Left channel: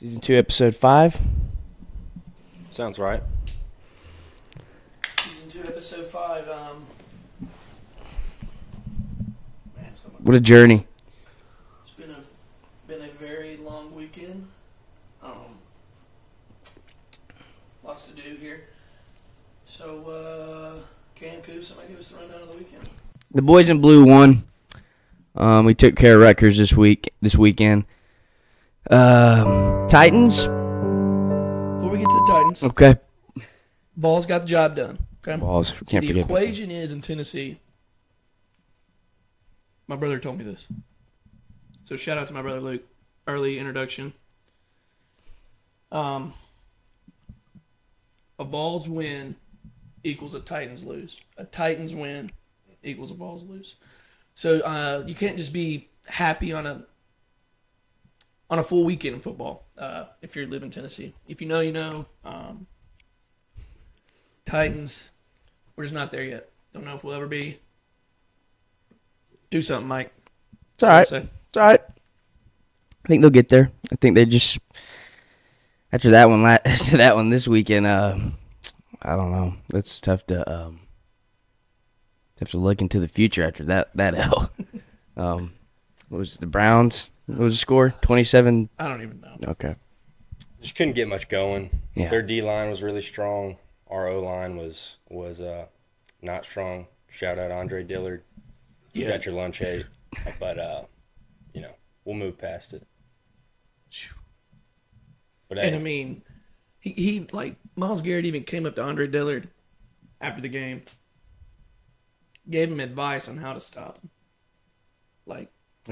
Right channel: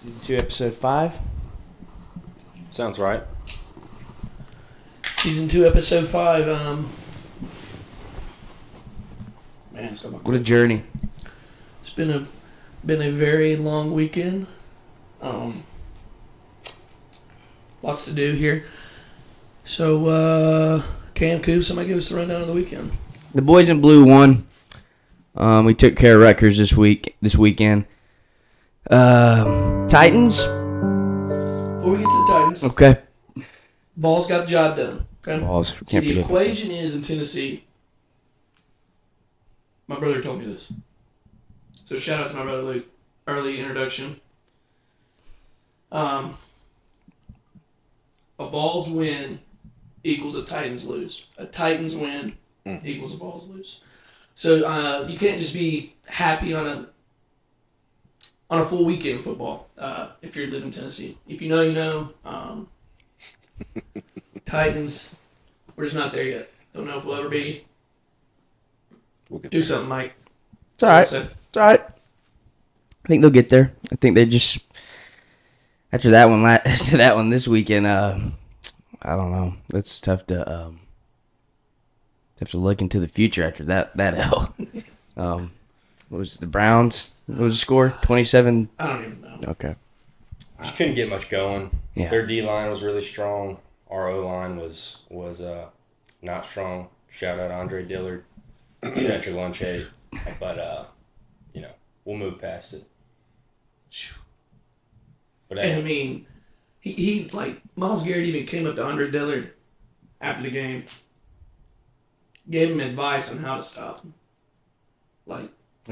Season 2, Episode 5. Sounds right. Season 2, Episode 5. Man, What a journey. It's been a very long weekend. Lots to do here. So, Cam, Coop, somebody give us the rundown of the weekend. The boys in blue won. We took care of Rutgers this weekend. Titans. Before we get to the Titans, Okay. Vols got the job done. Okay? Vols, So can't the forget. equation is in Tennessee. My brother told me this. So shout out to my brother Luke. Early introduction. A Vols win equals a Titans lose. A Titans win equals a Vols lose. So you can't just be happy on a full weekend of football if you live in Tennessee. If you know, you know. Titans, we're just not there yet. Don't know if we'll ever be. Do something, Mike. It's all right. It's all right. I think they'll get there. I think they just after that one this weekend. I don't know. It's tough to look into the future after that L. What was the Browns? What was the score? 27. I don't even know. Okay. Just couldn't get much going. Yeah. Their D line was really strong. Our O line was not strong. Shout out Andre Dillard. You got your lunch ate, but we'll move past it. But And I mean, he like Myles Garrett even came up to Andre Dillard after the game, gave him advice on how to stop him. Like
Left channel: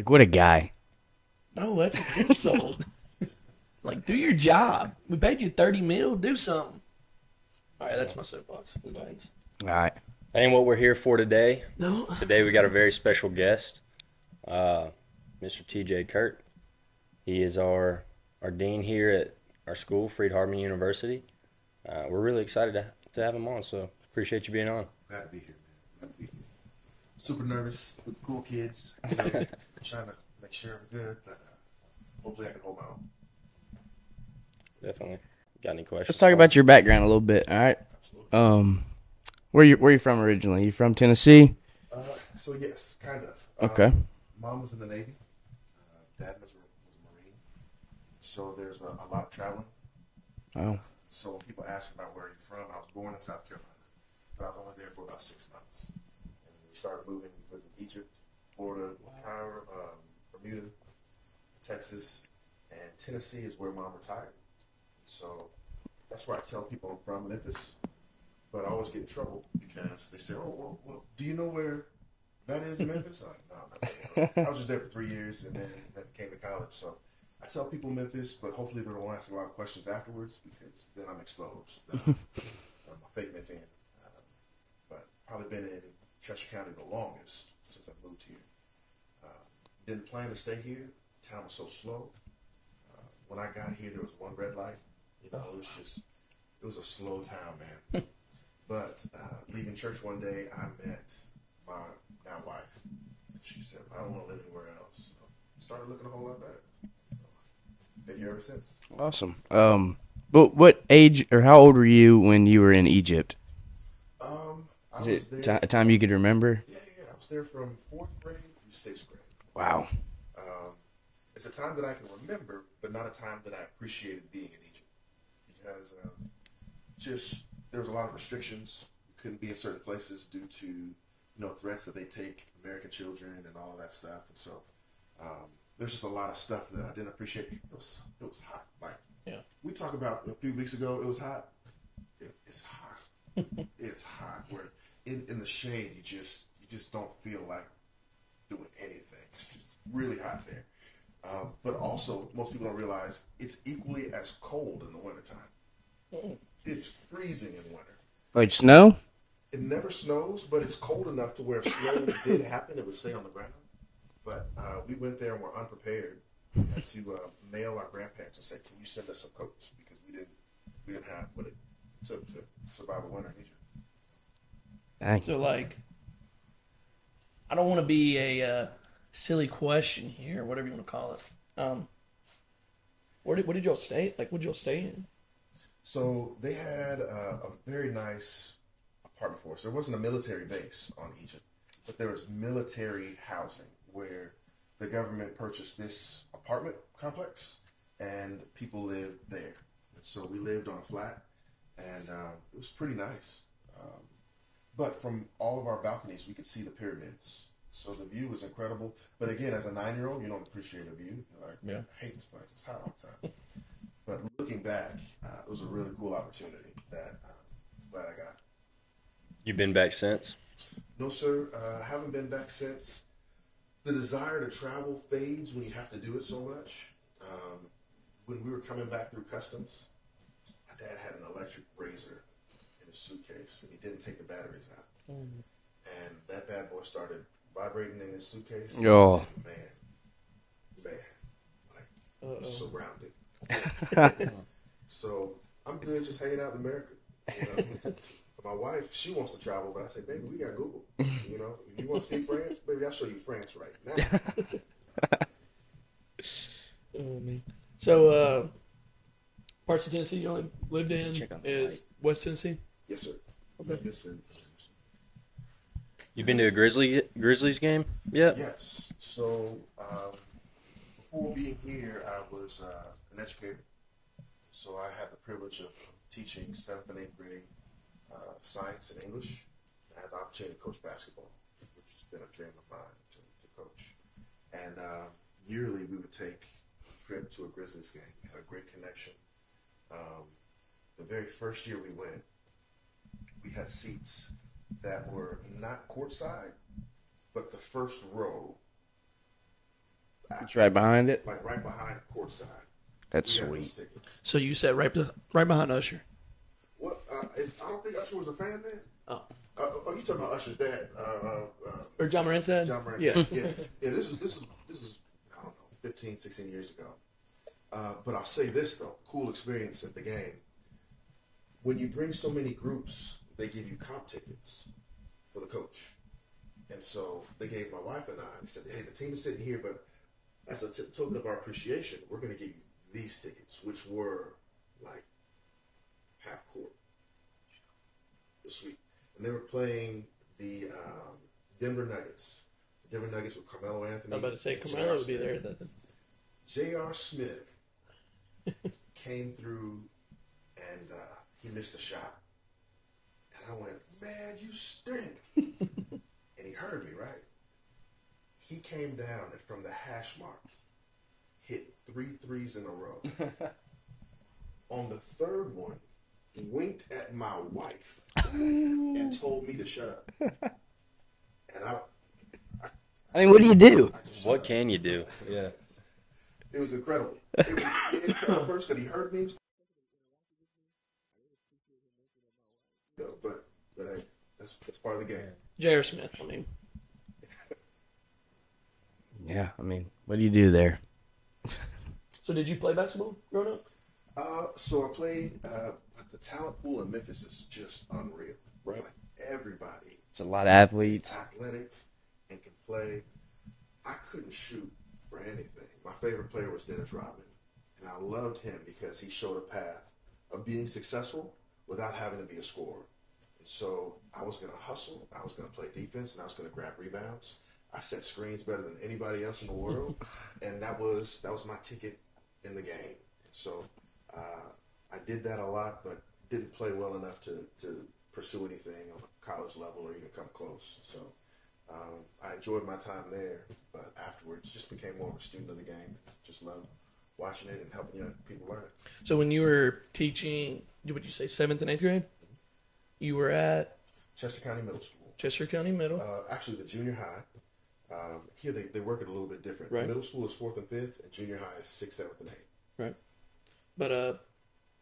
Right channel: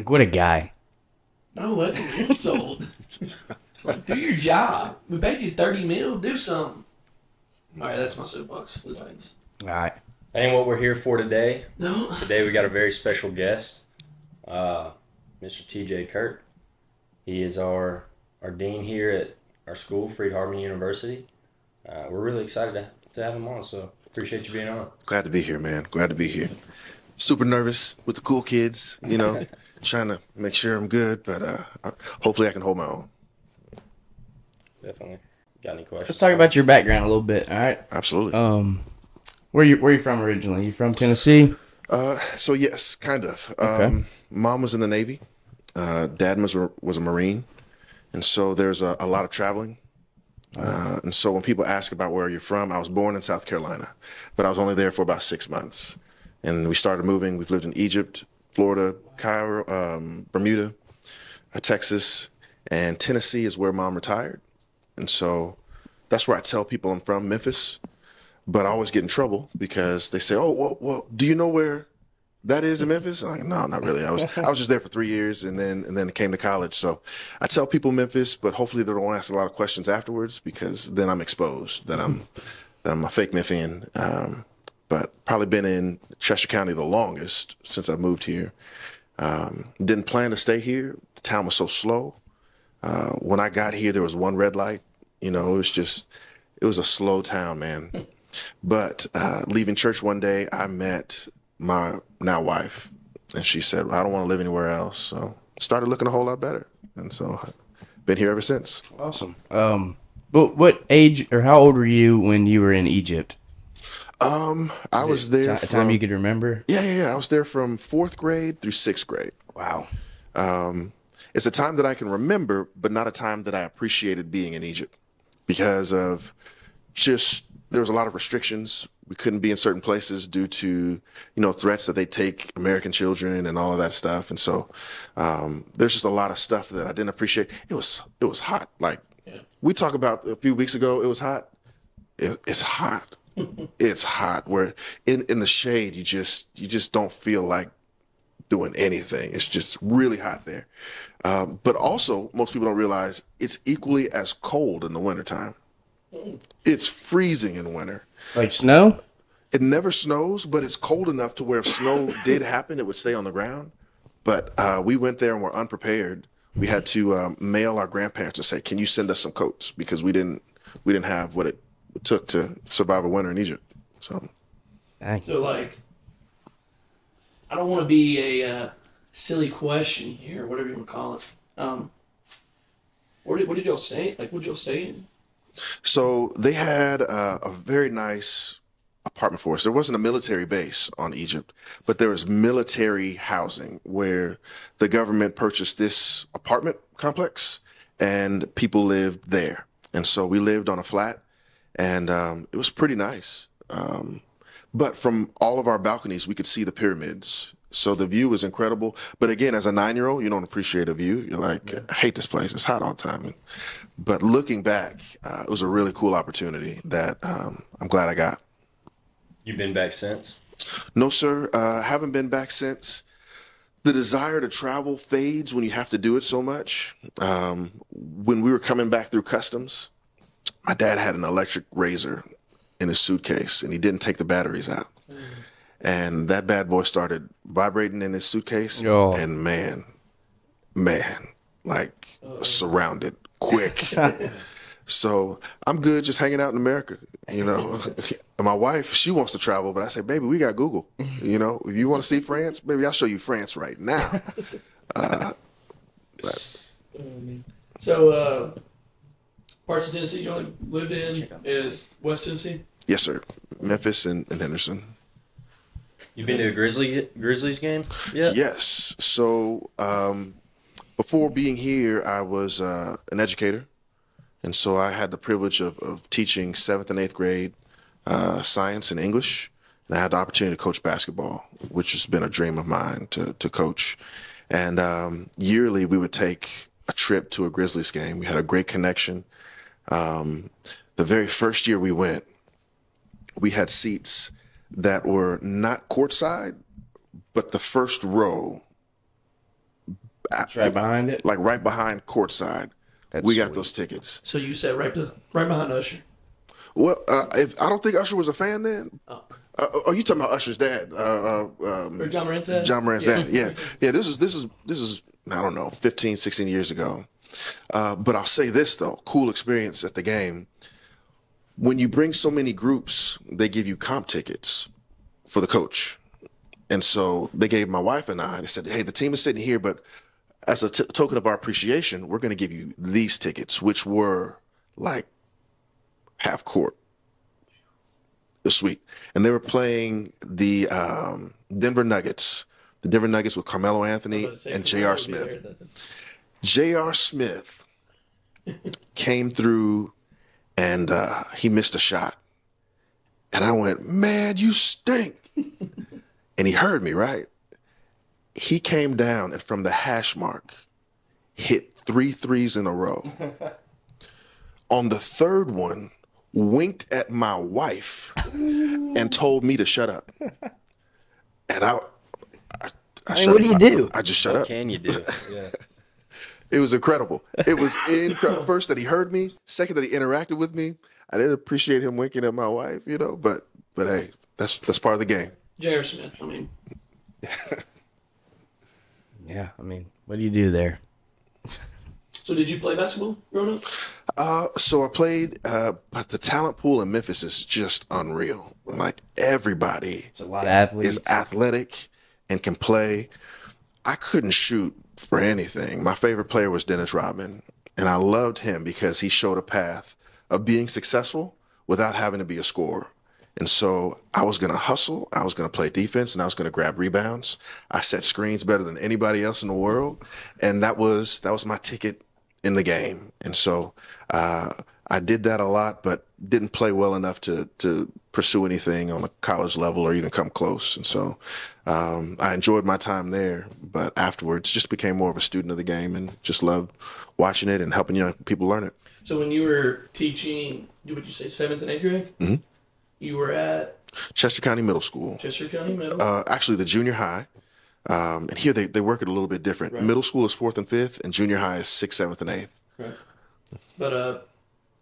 what a guy. no, that's an insult. Like, do your job. We paid you $30 million. Do something. All right, that's my soapbox. Thanks. All right. that ain't what we're here for today. No. Today we got a very special guest, Mr. TJ Kirk. He is our dean here at our school, Freed-Hardeman University. We're really excited to have him on, so appreciate you being on. Glad to be here, man. Glad to be here. Super nervous with the cool kids, trying to make sure I'm good, but hopefully I can hold my own. Definitely. Got any questions? Let's talk about your background a little bit. All right. Absolutely. Where you from originally? You from Tennessee? So yes, kind of. Okay. Mom was in the Navy. Dad was a Marine, and so there's a lot of traveling. And so when people ask about where you're from, I was born in South Carolina, but I was only there for about 6 months. And we started moving. We've lived in Egypt, Florida, Cairo, Bermuda, Texas, and Tennessee is where Mom retired. And so that's where I tell people I'm from, Memphis. But I always get in trouble because they say, "Oh, well, do you know where that is in Memphis?" I'm like, "No, not really. I was just there for 3 years, and then came to college." So I tell people Memphis, but hopefully they don't ask a lot of questions afterwards because then I'm exposed that I'm a fake Memphian. But probably been in Chester County the longest since I moved here. Didn't plan to stay here. The town was so slow. When I got here, there was one red light. It was a slow town, man. But leaving church one day, I met my now wife, and she said, "I don't want to live anywhere else." So started looking a whole lot better, and so I've been here ever since. Awesome. But what age or how old were you when you were in Egypt? I was there. A time you could remember? Yeah. I was there from 4th grade through 6th grade. Wow. It's a time that I can remember, but not a time that I appreciated being in Egypt because of there was a lot of restrictions. We couldn't be in certain places due to, threats that they take American children and all of that stuff. And so there's just a lot of stuff that I didn't appreciate. It was hot. Like we talked about a few weeks ago, it was hot. It's hot. It's hot. Where in the shade, you just don't feel like doing anything. It's just really hot there. But also, most people don't realize it's equally as cold in the wintertime. It's freezing in winter. Like snow? It never snows, but it's cold enough to where if snow did happen, it would stay on the ground. But we went there and were unprepared. We had to mail our grandparents and say, "Can you send us some coats?" Because we didn't have what it took to survive a winter in Egypt. So like, I don't want to be a silly question here, whatever you want to call it. What did y'all stay? Like, what did y'all stay in? So they had a very nice apartment for us. There wasn't a military base on Egypt, but there was military housing where the government purchased this apartment complex and people lived there. And so we lived on a flat, and it was pretty nice. But from all of our balconies, we could see the pyramids. So the view was incredible. But again, as a 9-year-old, you don't appreciate a view. You're like, I hate this place. It's hot all the time. But looking back, it was a really cool opportunity that I'm glad I got. You been back since? No, sir. Haven't been back since. The desire to travel fades when you have to do it so much. When we were coming back through customs, my dad had an electric razor in his suitcase, and he didn't take the batteries out. And that bad boy started vibrating in his suitcase, and man, like surrounded quick. So I'm good just hanging out in America, you know. My wife, she wants to travel, but I say, baby, we got Google. You know, if you want to see France, baby, I'll show you France right now. So, parts of Tennessee you only lived in is West Tennessee? Yes, sir. Memphis and Henderson. You been to a Grizzlies game? Yeah. Yes. So before being here, I was an educator. And so I had the privilege of teaching 7th and 8th grade science and English. And I had the opportunity to coach basketball, which has been a dream of mine to coach. And yearly we would take a trip to a Grizzlies game. We had a great connection. The very first year we went, we had seats that were not courtside, but the first row. It's right behind it? Like right behind courtside. That's we got sweet. those tickets. So you sat right behind Usher? Well, I don't think Usher was a fan then. Oh. Are you talking about Usher's dad? Or John Morant's dad? John Morant's dad, yeah. Yeah, this is I don't know, 15, 16 years ago. But I'll say this, though, cool experience at the game. When you bring so many groups, they give you comp tickets for the coach. And so they gave my wife and I, they said, hey, the team is sitting here, but as a token of our appreciation, we're going to give you these tickets, which were like half court. It was sweet. And they were playing the Denver Nuggets with Carmelo Anthony and J.R. Smith. J.R. Smith came through and he missed a shot. And I went, man, you stink. And he heard me, right? He came down and from the hash mark, hit 3 threes in a row. On the third one, winked at my wife and told me to shut up. And I mean, what do you do? I just shut up. What can you do? Yeah. It was incredible. It was incredible. First, that he heard me. Second, that he interacted with me. I didn't appreciate him winking at my wife, you know. But hey, that's part of the game. J.R. Smith. I mean, Yeah, I mean, what do you do there? so did you play basketball growing up? So I played, but the talent pool in Memphis is just unreal. Right. Like everybody, It's a lot of athletes. is athletic and can play. I couldn't shoot for anything. My favorite player was Dennis Rodman, and I loved him because he showed a path of being successful without having to be a scorer. And so I was going to hustle, I was going to play defense, and I was going to grab rebounds. I set screens better than anybody else in the world, and that was my ticket in the game. And so I did that a lot, but didn't play well enough to pursue anything on a college level or even come close. And so I enjoyed my time there, but afterwards just became more of a student of the game and just loved watching it and helping young people learn it. So when you were teaching, would you say 7th and 8th grade? Mm-hmm. You were at Chester County Middle School. Chester County Middle. Actually, the junior high. And here they work it a little bit different. Right. Middle school is 4th and 5th, and junior high is 6th, 7th, and 8th. Right. But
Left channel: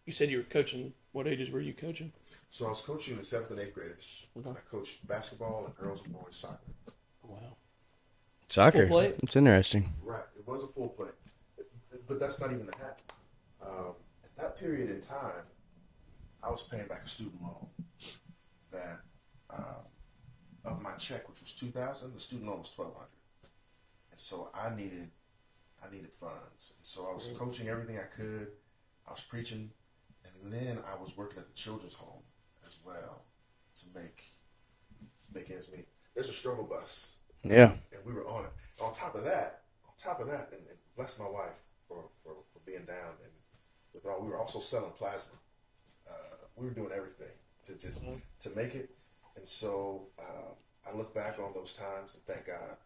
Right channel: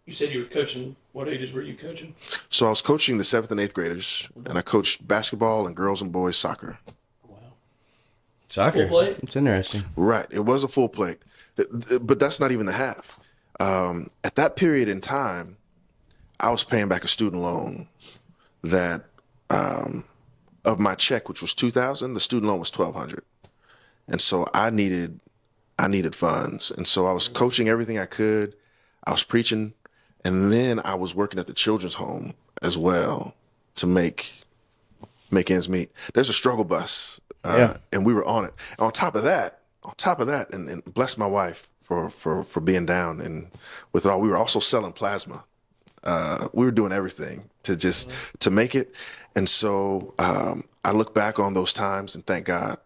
you said you were coaching. What ages were you coaching? So I was coaching the 7th and 8th graders, and I coached basketball and girls and boys soccer. Wow. Soccer. Full plate? It's interesting. Right. It was a full plate. But that's not even the half. At that period in time, I was paying back a student loan that of my check, which was $2,000, the student loan was $1,200. And so I needed I needed funds. And so I was coaching everything I could. I was preaching. And then I was working at the children's home as well to make ends meet. There's a struggle bus. And we were on it. On top of that, and bless my wife for being down. And with it all, we were also selling plasma. We were doing everything to just to make it. And so I look back on those times and thank God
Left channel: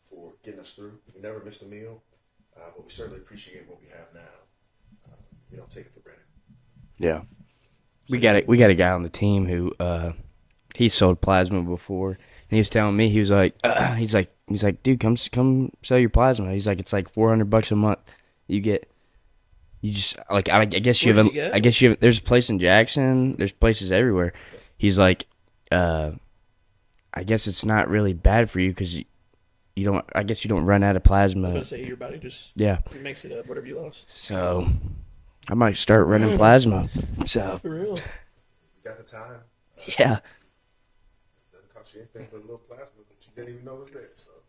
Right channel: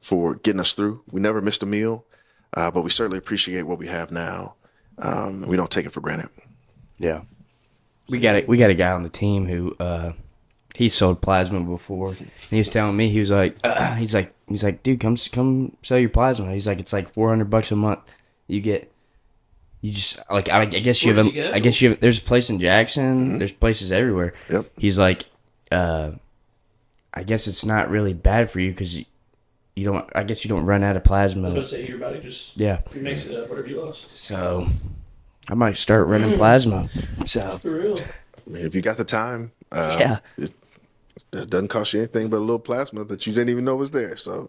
for getting us through. We never missed a meal, but we certainly appreciate what we have now. We don't take it for granted. Yeah. We got a guy on the team who he sold plasma before. And he was telling me, he was like, dude, come sell your plasma. He's like, it's like $400 a month. You just like, I guess you have there's a place in Jackson. There's places everywhere. Yep. He's like, I guess it's not really bad for you because you don't run out of plasma. I was going to say, your body just makes it up, whatever you lost. So I might start running plasma. So for real. I mean, if you got the time, it doesn't cost you anything but a little plasma that you didn't even know was there. So,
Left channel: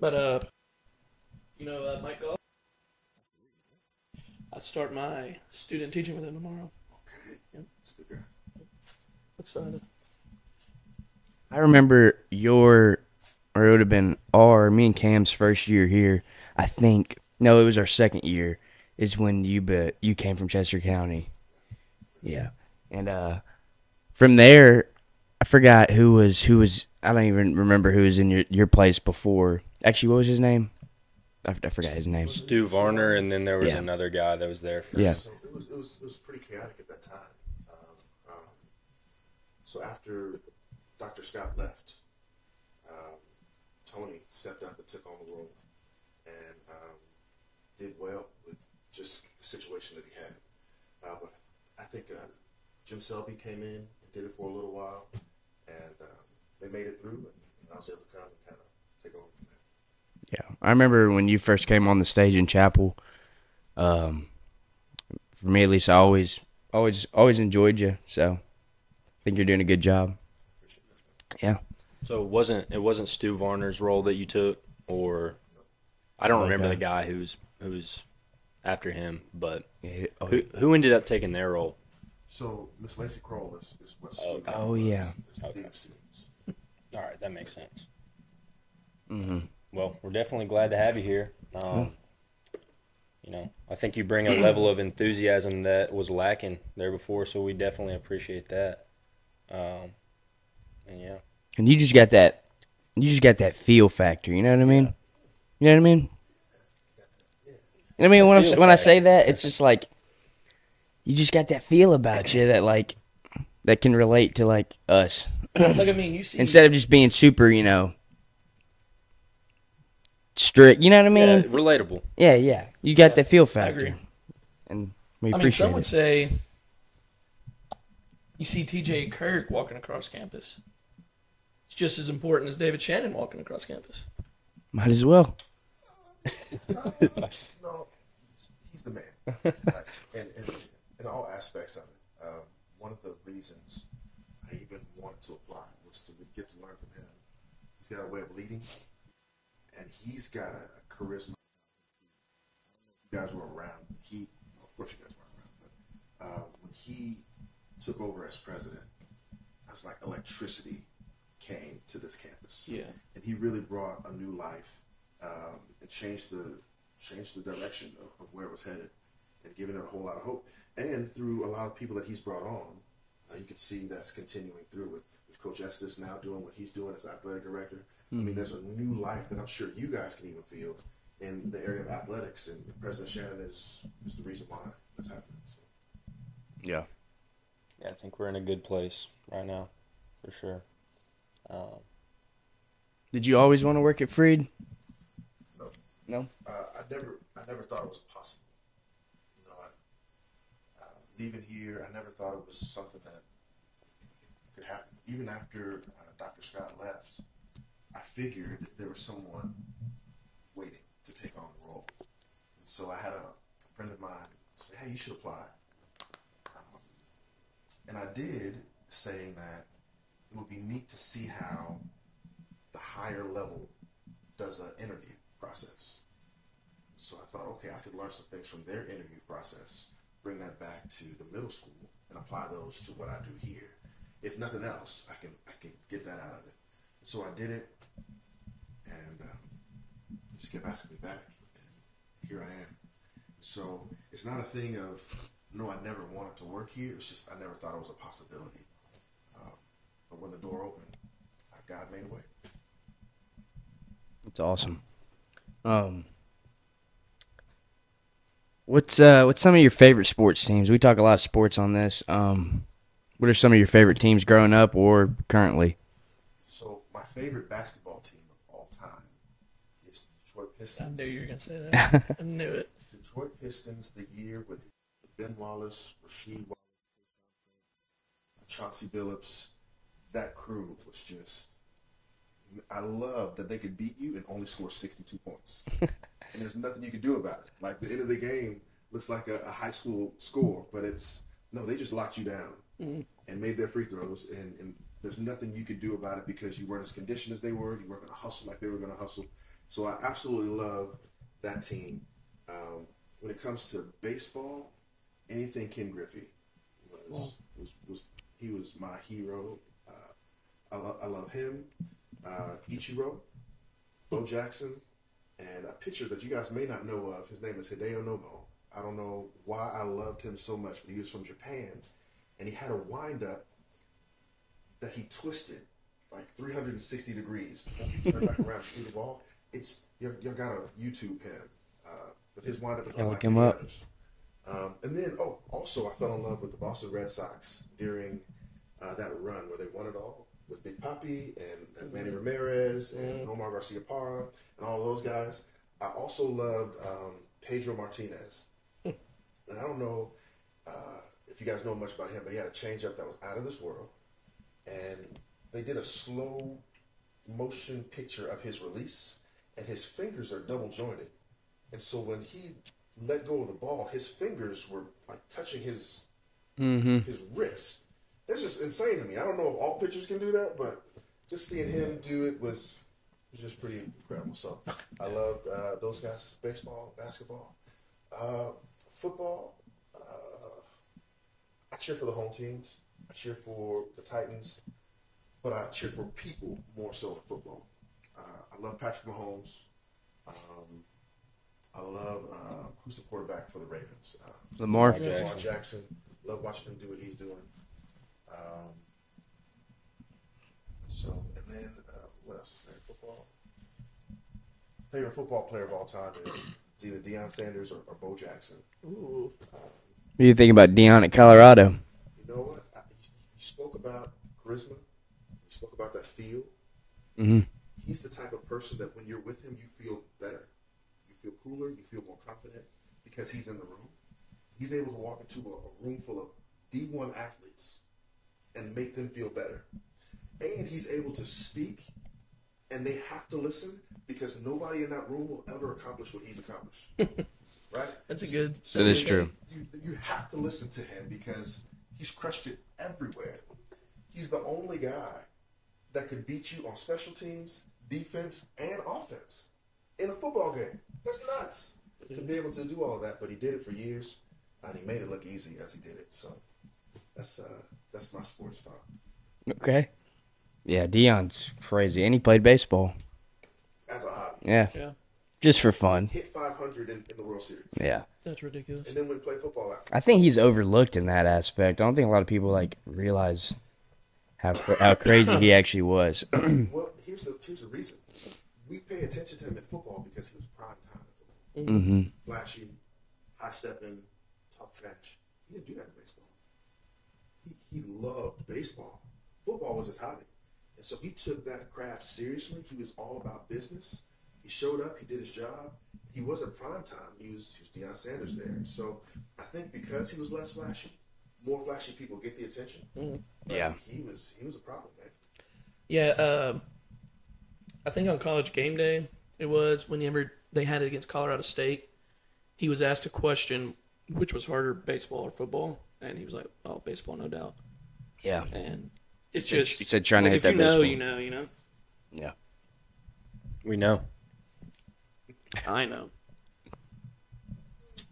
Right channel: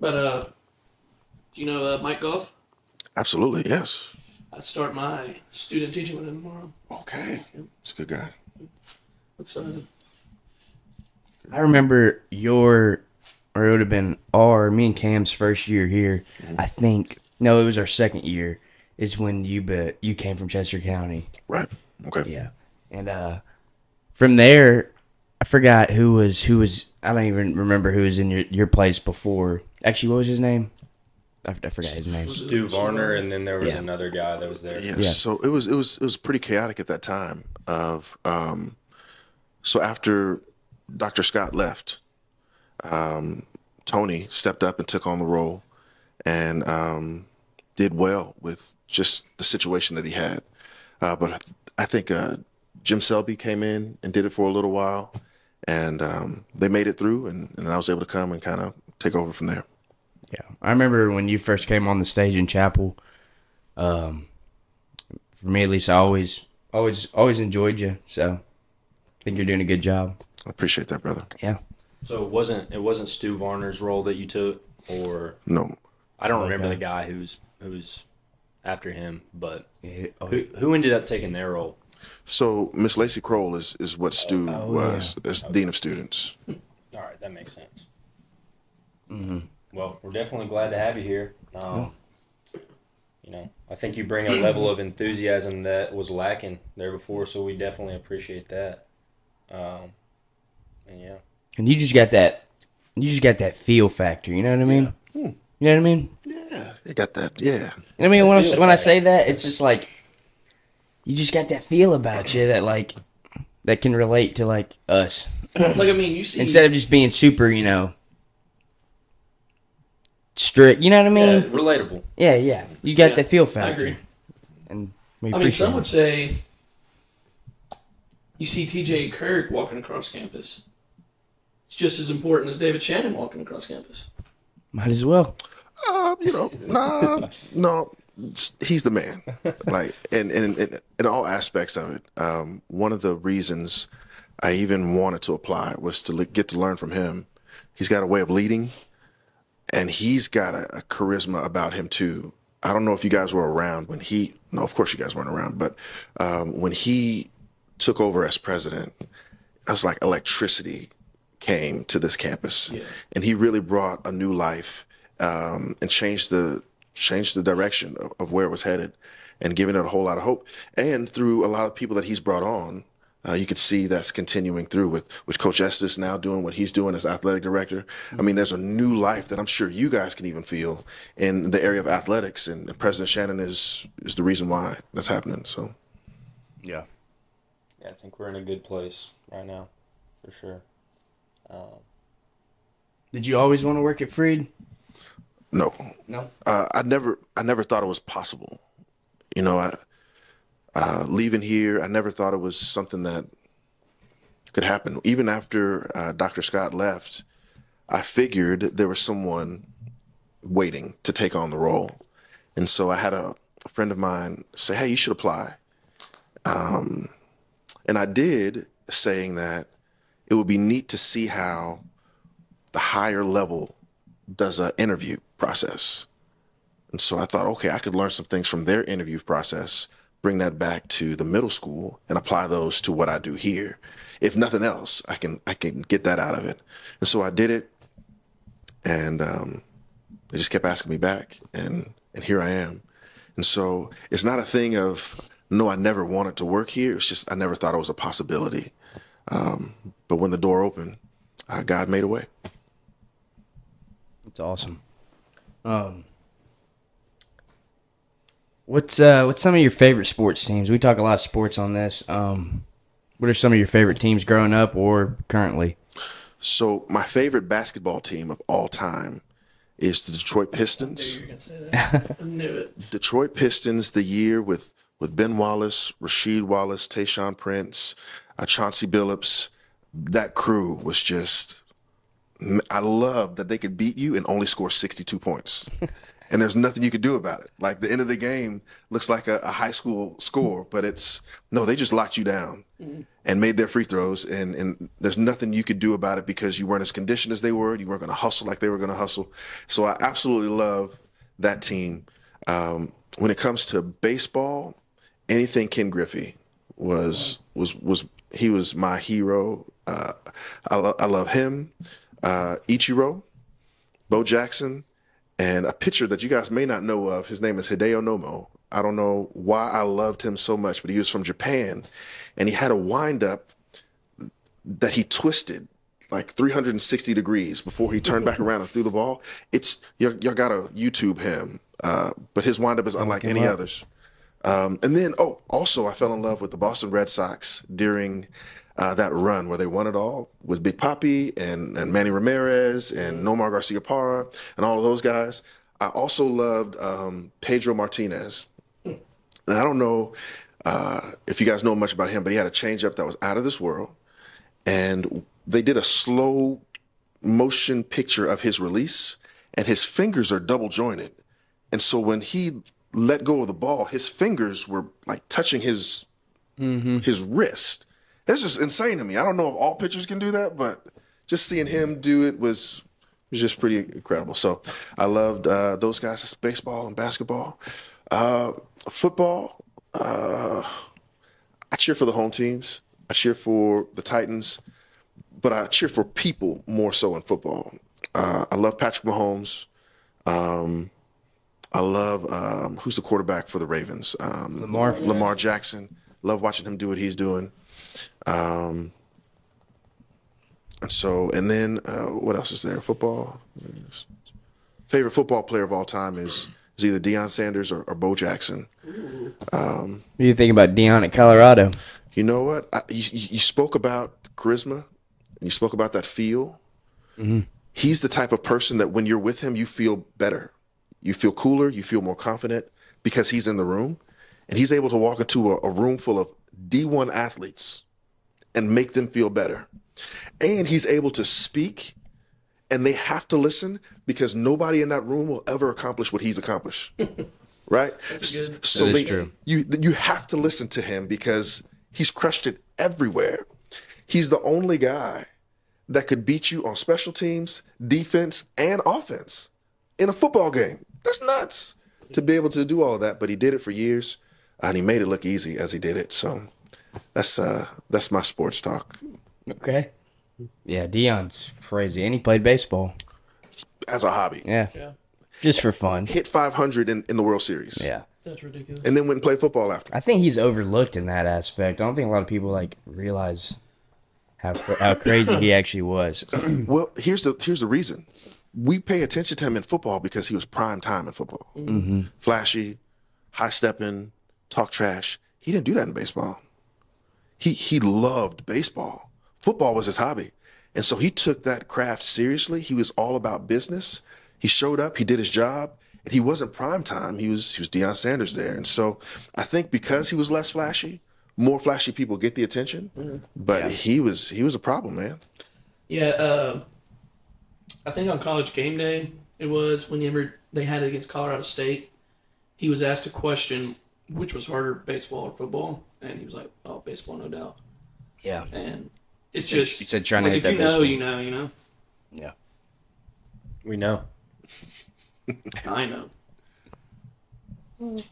but do you know Mike Goff? absolutely, yes. I start my student teaching with him tomorrow. Okay, he's a good guy. Excited. I remember it would have been me and Cam's first year here. I think, no, it was our second year, is when you came from Chester County. Right, okay. Yeah. And from there, I forgot who was, I don't even remember who was in your place before. Actually, what was his name? I forgot his name. Stu Varner, and then there was another guy that was there. Yeah. So it was pretty chaotic at that time. So after Dr. Scott left, Tony stepped up and took on the role, and did well with just the situation that he had. But I think Jim Selby came in and did it for a little while, and they made it through, and I was able to come and kind of take over from there. Yeah, I remember when you first came on the stage in chapel. For me, at least, I always enjoyed you. So, I think you're doing a good job. I appreciate that, brother. Yeah. So it wasn't Stu Varner's role that you took, or No, I don't remember the guy who's after him, but Yeah. who ended up taking their role? so Miss Lacey Kroll is what Stu was as dean of students. All right, that makes sense. Mm-hmm. Well, we're definitely glad to have you here. I think you bring a level of enthusiasm that was lacking there before, so we definitely appreciate that. And yeah. And you just got that feel factor. You know what I mean? Yeah. You know what I mean? Yeah, you got that. Yeah. You know what I mean? When I say that, it's just like you just got that feel about you that can relate to like us. Like, I mean, you see, Instead of just being super, strict. You know what I mean? Yeah, relatable. Yeah. You got that feel factor. I agree. And we I mean, appreciate some would it. say you see TJ and Kirk walking across campus. It's just as important as David Shannon walking across campus. Might as well. No, he's the man. Like, in all aspects of it. One of the reasons I even wanted to apply was to get to learn from him. He's got a way of leading, and he's got a charisma about him too. I don't know if you guys were around when no, of course you guys weren't around, but when he took over as president, I was like electricity came to this campus, and he really brought a new life and changed the direction of where it was headed, and giving it a whole lot of hope. And through a lot of people that he's brought on, you could see that's continuing through with Coach Estes now doing what he's doing as athletic director. Mm-hmm. I mean, there's a new life that I'm sure you guys can even feel in the area of athletics, and President Shannon is the reason why that's happening. So, Yeah, I think we're in a good place right now, for sure. Did you always want to work at Freed? No. No. I never thought it was possible. Leaving here, I never thought it was something that could happen. Even after Dr. Scott left, I figured there was someone waiting to take on the role. And so I had a friend of mine say, hey, you should apply. And I did, saying that it would be neat to see how the higher level does an interview process. And so I thought, okay, I could learn some things from their interview process, bring that back to the middle school, and apply those to what I do here. If nothing else, I can get that out of it. And so I did it, and they just kept asking me back, and here I am. And so it's not a thing of, no, I never wanted to work here. It's just I never thought it was a possibility. But when the door opened, God made a way. That's awesome. What's some of your favorite sports teams? We talk a lot of sports on this. What are some of your favorite teams growing up or currently? So my favorite basketball team of all time is the Detroit Pistons. I knew you were going to say that. I knew it. Detroit Pistons, the year with Ben Wallace, Rasheed Wallace, Tayshaun Prince, Chauncey Billups. That crew was just, I love that they could beat you and only score 62 points. And there's nothing you could do about it. Like, the end of the game looks like a high school score, but they just locked you down and made their free throws, and there's nothing you could do about it because you weren't as conditioned as they were. You weren't going to hustle like they were going to hustle. So I absolutely love that team. When it comes to baseball, anything Ken Griffey he was my hero. I love him, Ichiro, Bo Jackson, and a pitcher that you guys may not know of. His name is Hideo Nomo. I don't know why I loved him so much, but he was from Japan, and he had a windup that he twisted like 360 degrees before he turned back around and threw the ball. Y'all gotta YouTube him, but his windup is unlike any others. And then, also I fell in love with the Boston Red Sox during that run where they won it all with Big Papi and Manny Ramirez and Nomar Garcia-Parra and all of those guys. I also loved Pedro Martinez. And I don't know if you guys know much about him, but he had a changeup that was out of this world. And they did a slow motion picture of his release, and his fingers are double jointed. And so when he let go of the ball, his fingers were like touching his wrist. That's just insane to me. I don't know if all pitchers can do that, but just seeing him do it was just pretty incredible. So I loved those guys. It's baseball and basketball. Football, I cheer for the home teams. I cheer for the Titans, but I cheer for people more so in football. I love Patrick Mahomes. I love, who's the quarterback for the Ravens? Lamar Jackson. Love watching him do what he's doing. And then what else is there? Football. Favorite football player of all time is either Deion Sanders or Bo Jackson. What do you think about Deion at Colorado? You know what? You spoke about charisma, and you spoke about that feel. Mm-hmm. He's the type of person that when you're with him, you feel better. You feel cooler. You feel more confident because he's in the room. And he's able to walk into a room full of D1 athletes and make them feel better. And he's able to speak, and they have to listen because nobody in that room will ever accomplish what he's accomplished. Right? That's good. So that is true. You have to listen to him because he's crushed it everywhere. He's the only guy that could beat you on special teams, defense, and offense in a football game. That's nuts to be able to do all of that, but he did it for years, and he made it look easy as he did it. So that's my sports talk. Okay. Yeah, Deion's crazy, and he played baseball as a hobby. Yeah. Just for fun. Hit 500 in the World Series. Yeah. That's ridiculous. And then went and played football after. I think he's overlooked in that aspect. I don't think a lot of people realize how crazy he actually was. Well, here's the reason. We pay attention to him in football because he was prime time in football. Mm-hmm. Flashy, high-stepping, talk trash. He didn't do that in baseball. He loved baseball. Football was his hobby. And so he took that craft seriously. He was all about business. He showed up. He did his job. And he wasn't prime time. He was Deion Sanders there. And so I think because he was less flashy, more flashy people get the attention. Mm-hmm. But he was a problem, man. Yeah, I think on College Game Day, it was whenever they had it against Colorado State, he was asked a question, which was harder, baseball or football? And he was like, oh, baseball, no doubt. Yeah. And it's he said trying to hit that baseball. You know. Yeah. We know. I know.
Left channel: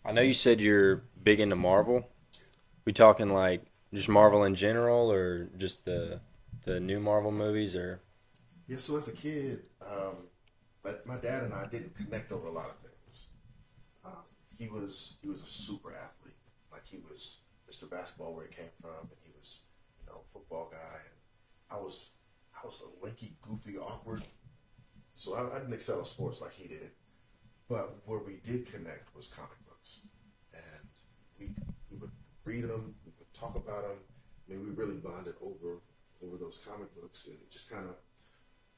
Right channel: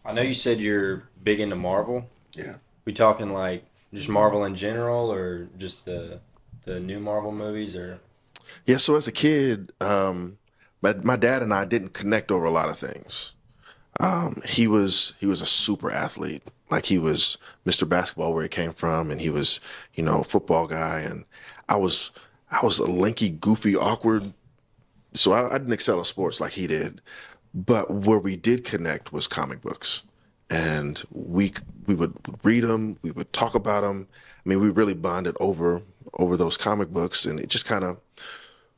I know you said you're big into Marvel. Yeah. We talking like just Marvel in general, or just the new Marvel movies, or? Yeah, so as a kid, my dad and I didn't connect over a lot of things. He was a super athlete. Like he was Mr. Basketball where he came from, and he was, a football guy. And I was a lanky, goofy, awkward. So I didn't excel at sports like he did. But where we did connect was comic books, and we would read them, we would talk about them. I mean, we really bonded over those comic books, and it just kind of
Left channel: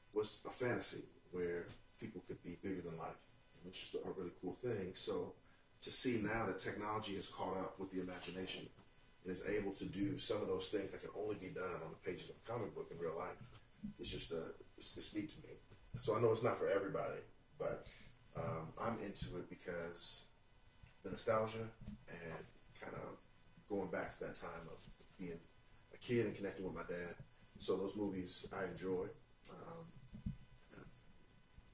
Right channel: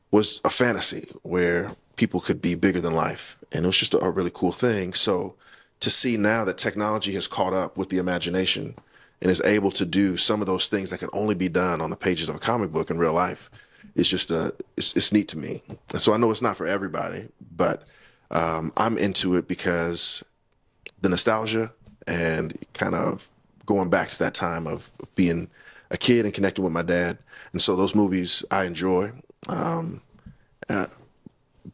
was a fantasy where people could be bigger than life, and it was just a really cool thing. So to see now that technology has caught up with the imagination and is able to do some of those things that can only be done on the pages of a comic book in real life, it's just it's neat to me. And so I know it's not for everybody, but I'm into it because the nostalgia and kind of going back to that time of being a kid and connecting with my dad. And so those movies I enjoy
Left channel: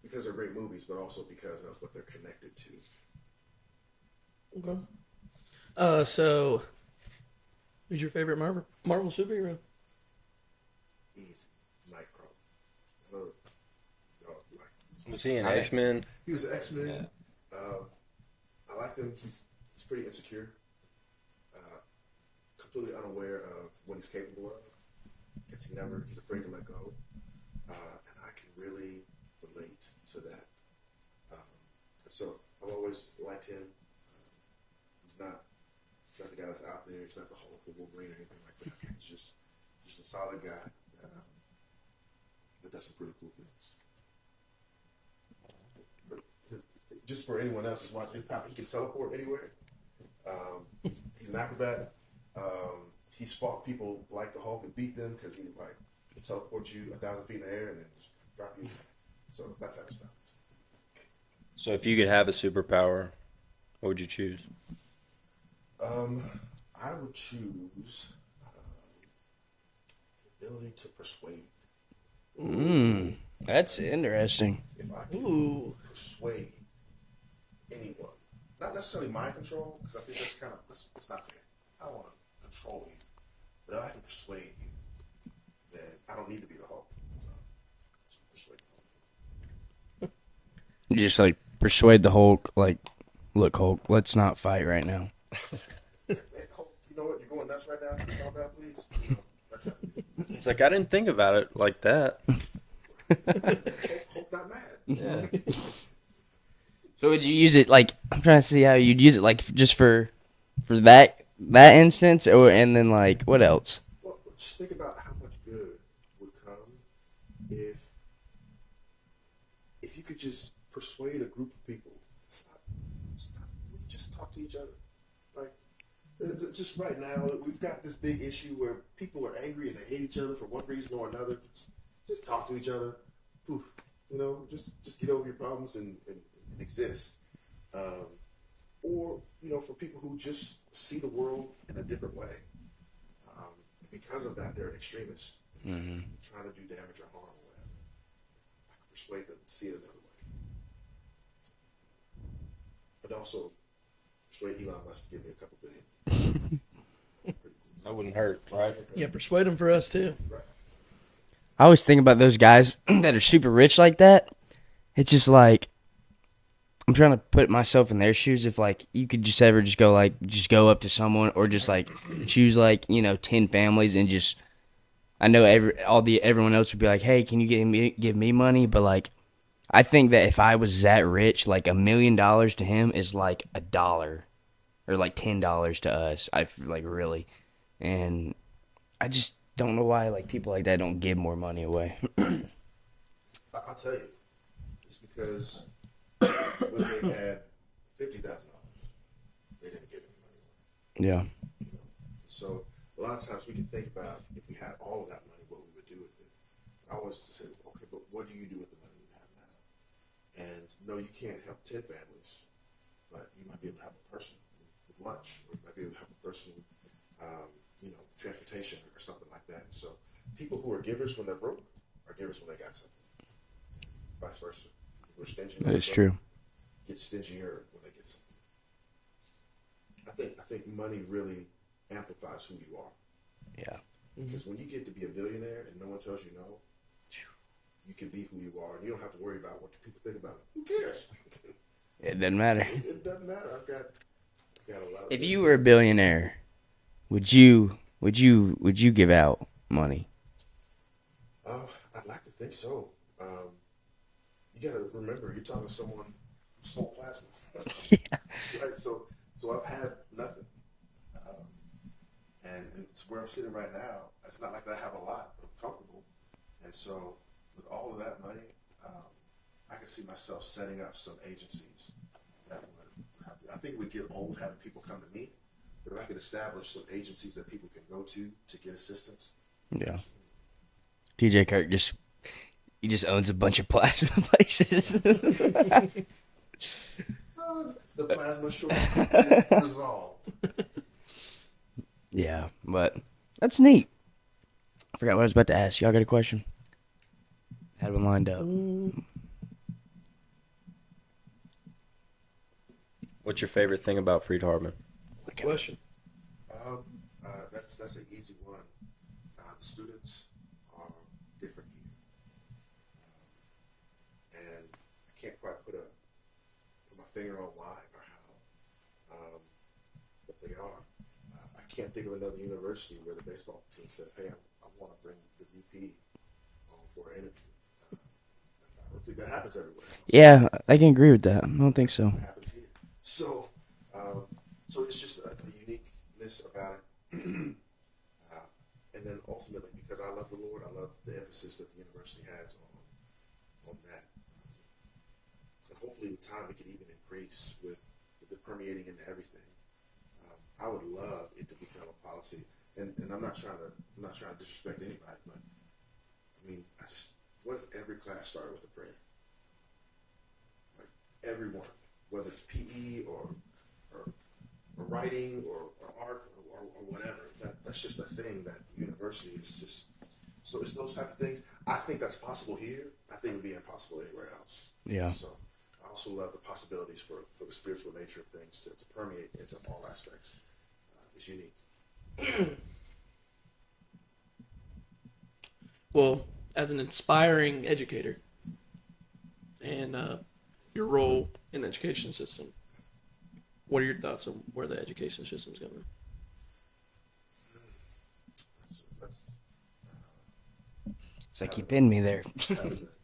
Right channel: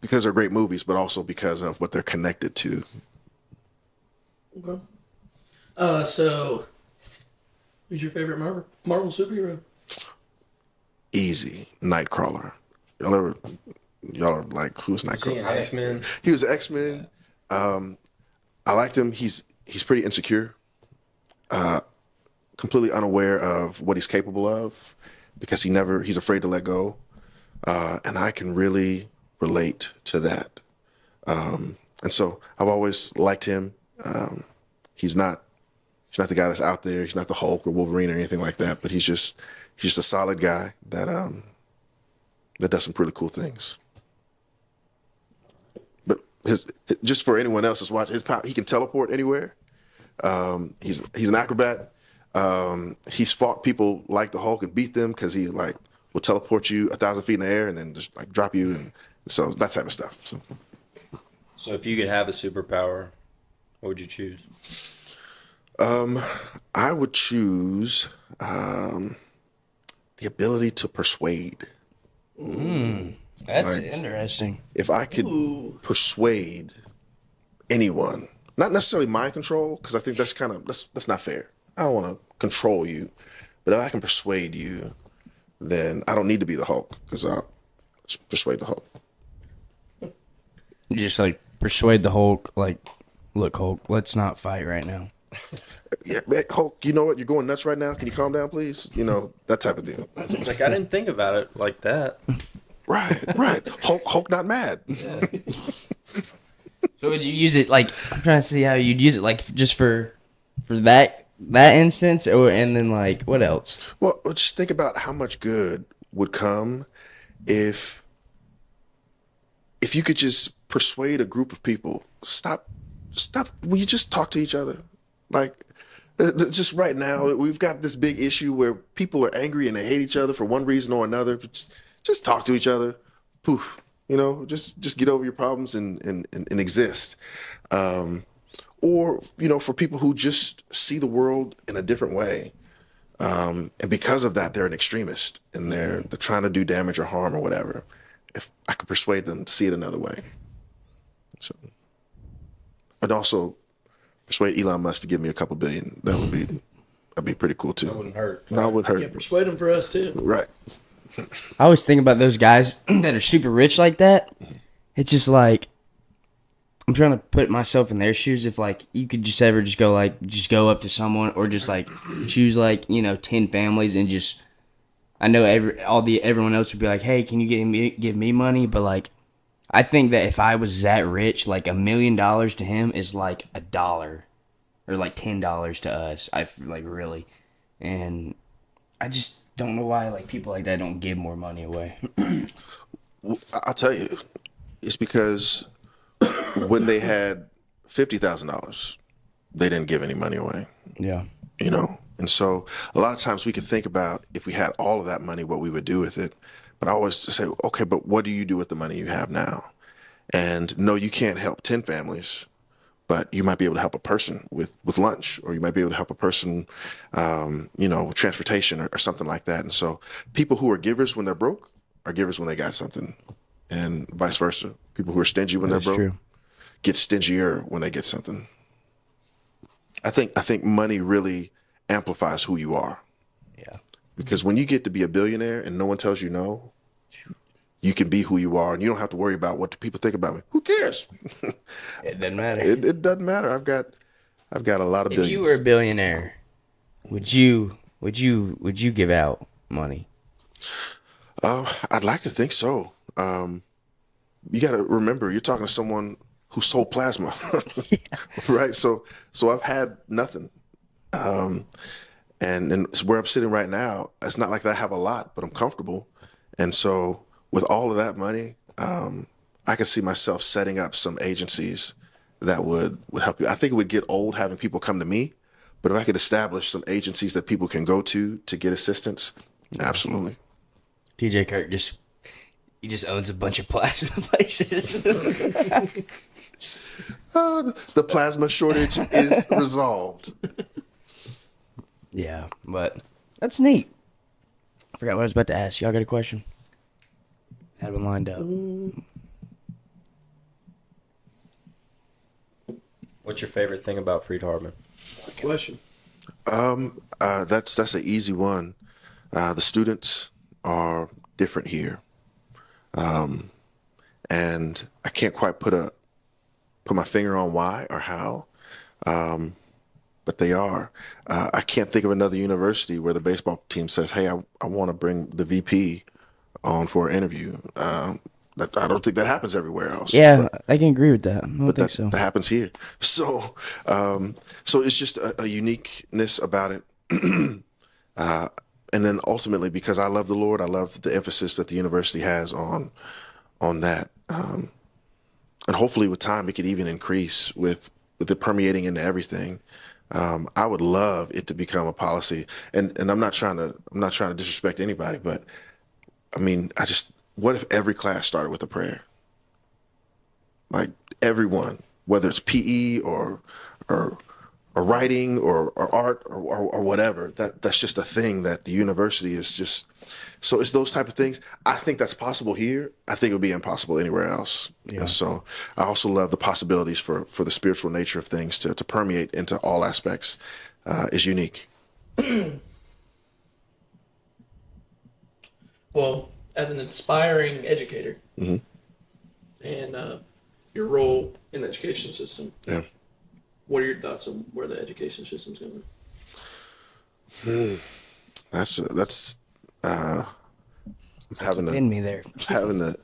because they're great movies, but also because of what they're connected to. Okay. So who's your favorite Marvel superhero? Easy. Nightcrawler. Y'all are like, who's Is he Nightcrawler? an X-Men? He was X-Men. I liked him. He's pretty insecure, completely unaware of what he's capable of because he's afraid to let go. And I can really relate to that. And so I've always liked him. He's not the guy that's out there. He's not the Hulk or Wolverine or anything like that, but he's just a solid guy that does some pretty cool things. But just for anyone else that's watching, his power, he can teleport anywhere. He's an acrobat. He's fought people like the Hulk and beat them because he will teleport you 1,000 feet in the air and then just drop you, and so that type of stuff. So if you could have a superpower, what would you choose? I would choose the ability to persuade. That's interesting. If I could persuade anyone, not necessarily mind control, because I think that's not fair. I don't want to control you, but if I can persuade you, then I don't need to be the Hulk because I'll just persuade the Hulk. You just persuade the Hulk, look, Hulk, let's not fight right now. Yeah, man, Hulk, you know what? You're going nuts right now. Can you calm down, please? That type of deal. It's I didn't think about it like that. Right. Hulk not mad. Yeah. So would you use it I'm trying to see how you'd use it just for that instance, and then what else? Well, just think about how much good would come if you could just persuade a group of people, stop. Will you just talk to each other? Just right now, we've got this big issue where people are angry and they hate each other for one reason or another. Just talk to each other. Poof. Just get over your problems and exist. Or, for people who just see the world in a different way. And because of that, they're an extremist and they're trying to do damage or harm or whatever. If I could persuade them to see it another way. So, I'd also persuade Elon Musk to give me a couple billion. That'd be pretty cool too. That wouldn't hurt. That would hurt. Yeah, persuade him for us too. Right. I always think about those guys that are super rich like that. It's just I'm trying to put myself in their shoes. If you could just ever just go go up to someone or just choose 10 families and just, I know everyone else would be like, hey, can you give me money? But I think that if I was that rich, $1 million to him is $1 or $10 to us. I really, and I just don't know why people like that don't give more money away. I'll tell you, it's because when they had $50,000, they didn't give any money away. Yeah. And so a lot of times we could think about if we had all of that money, what we would do with it. But I always say, okay, but what do you do with the money you have now? And no, you can't help 10 families, but you might be able to help a person with lunch, or you might be able to help a person, with transportation or something like that. And so people who are givers when they're broke are givers when they got something. and vice versa. People who are stingy when That's they're broke true. get stingier when they get something. I think money really amplifies who you are, Yeah. because when you get to be a billionaire and no one tells you no, you can be who you are, and you don't have to worry about what do people think about me. Who cares? It doesn't matter. It doesn't matter. I've got a lot of If billions. you were a billionaire, would you give out money? I'd like to think so. You got to remember, you're talking to someone who sold plasma, right? So I've had nothing, and where I'm sitting right now, it's not like I have a lot, but I'm comfortable, and so with all of that money, I could see myself setting up some agencies that would help you. I think it would get old having people come to me, but if I could establish some agencies that people can go to get assistance, absolutely. TJ Kirk just owns a bunch of plasma places. The plasma shortage is resolved. Yeah, but that's neat. I forgot what I was about to ask. Y'all got a question? Had one lined up. What's your favorite thing about Freed Hardeman? Good question. That's an easy one. The students are different here, and I can't quite put my finger on why or how, but they are. I can't think of another university where the baseball team says, "Hey, I want to bring the VP on for an interview." I don't think that happens everywhere else. Yeah, I can agree with that. I don't think so. That happens here. So, so it's just a uniqueness about it. And then ultimately, because I love the Lord, I love the emphasis that the university has on that. And hopefully with time, it could even increase with it permeating into everything. I would love it to become a policy. And I'm not trying to disrespect anybody, but I mean, what if every class started with a prayer? Like everyone, whether it's PE or writing or art or whatever, that's just a thing that the university is just. So it's those type of things. I think that's possible here. I think it would be impossible anywhere else. Yeah. And so I also love the possibilities for the spiritual nature of things to permeate into all aspects is unique. Well, as an inspiring educator, and your role in the education system, Yeah. what are your thoughts on where the education system's going? That's It's like having you to- pinned me there. having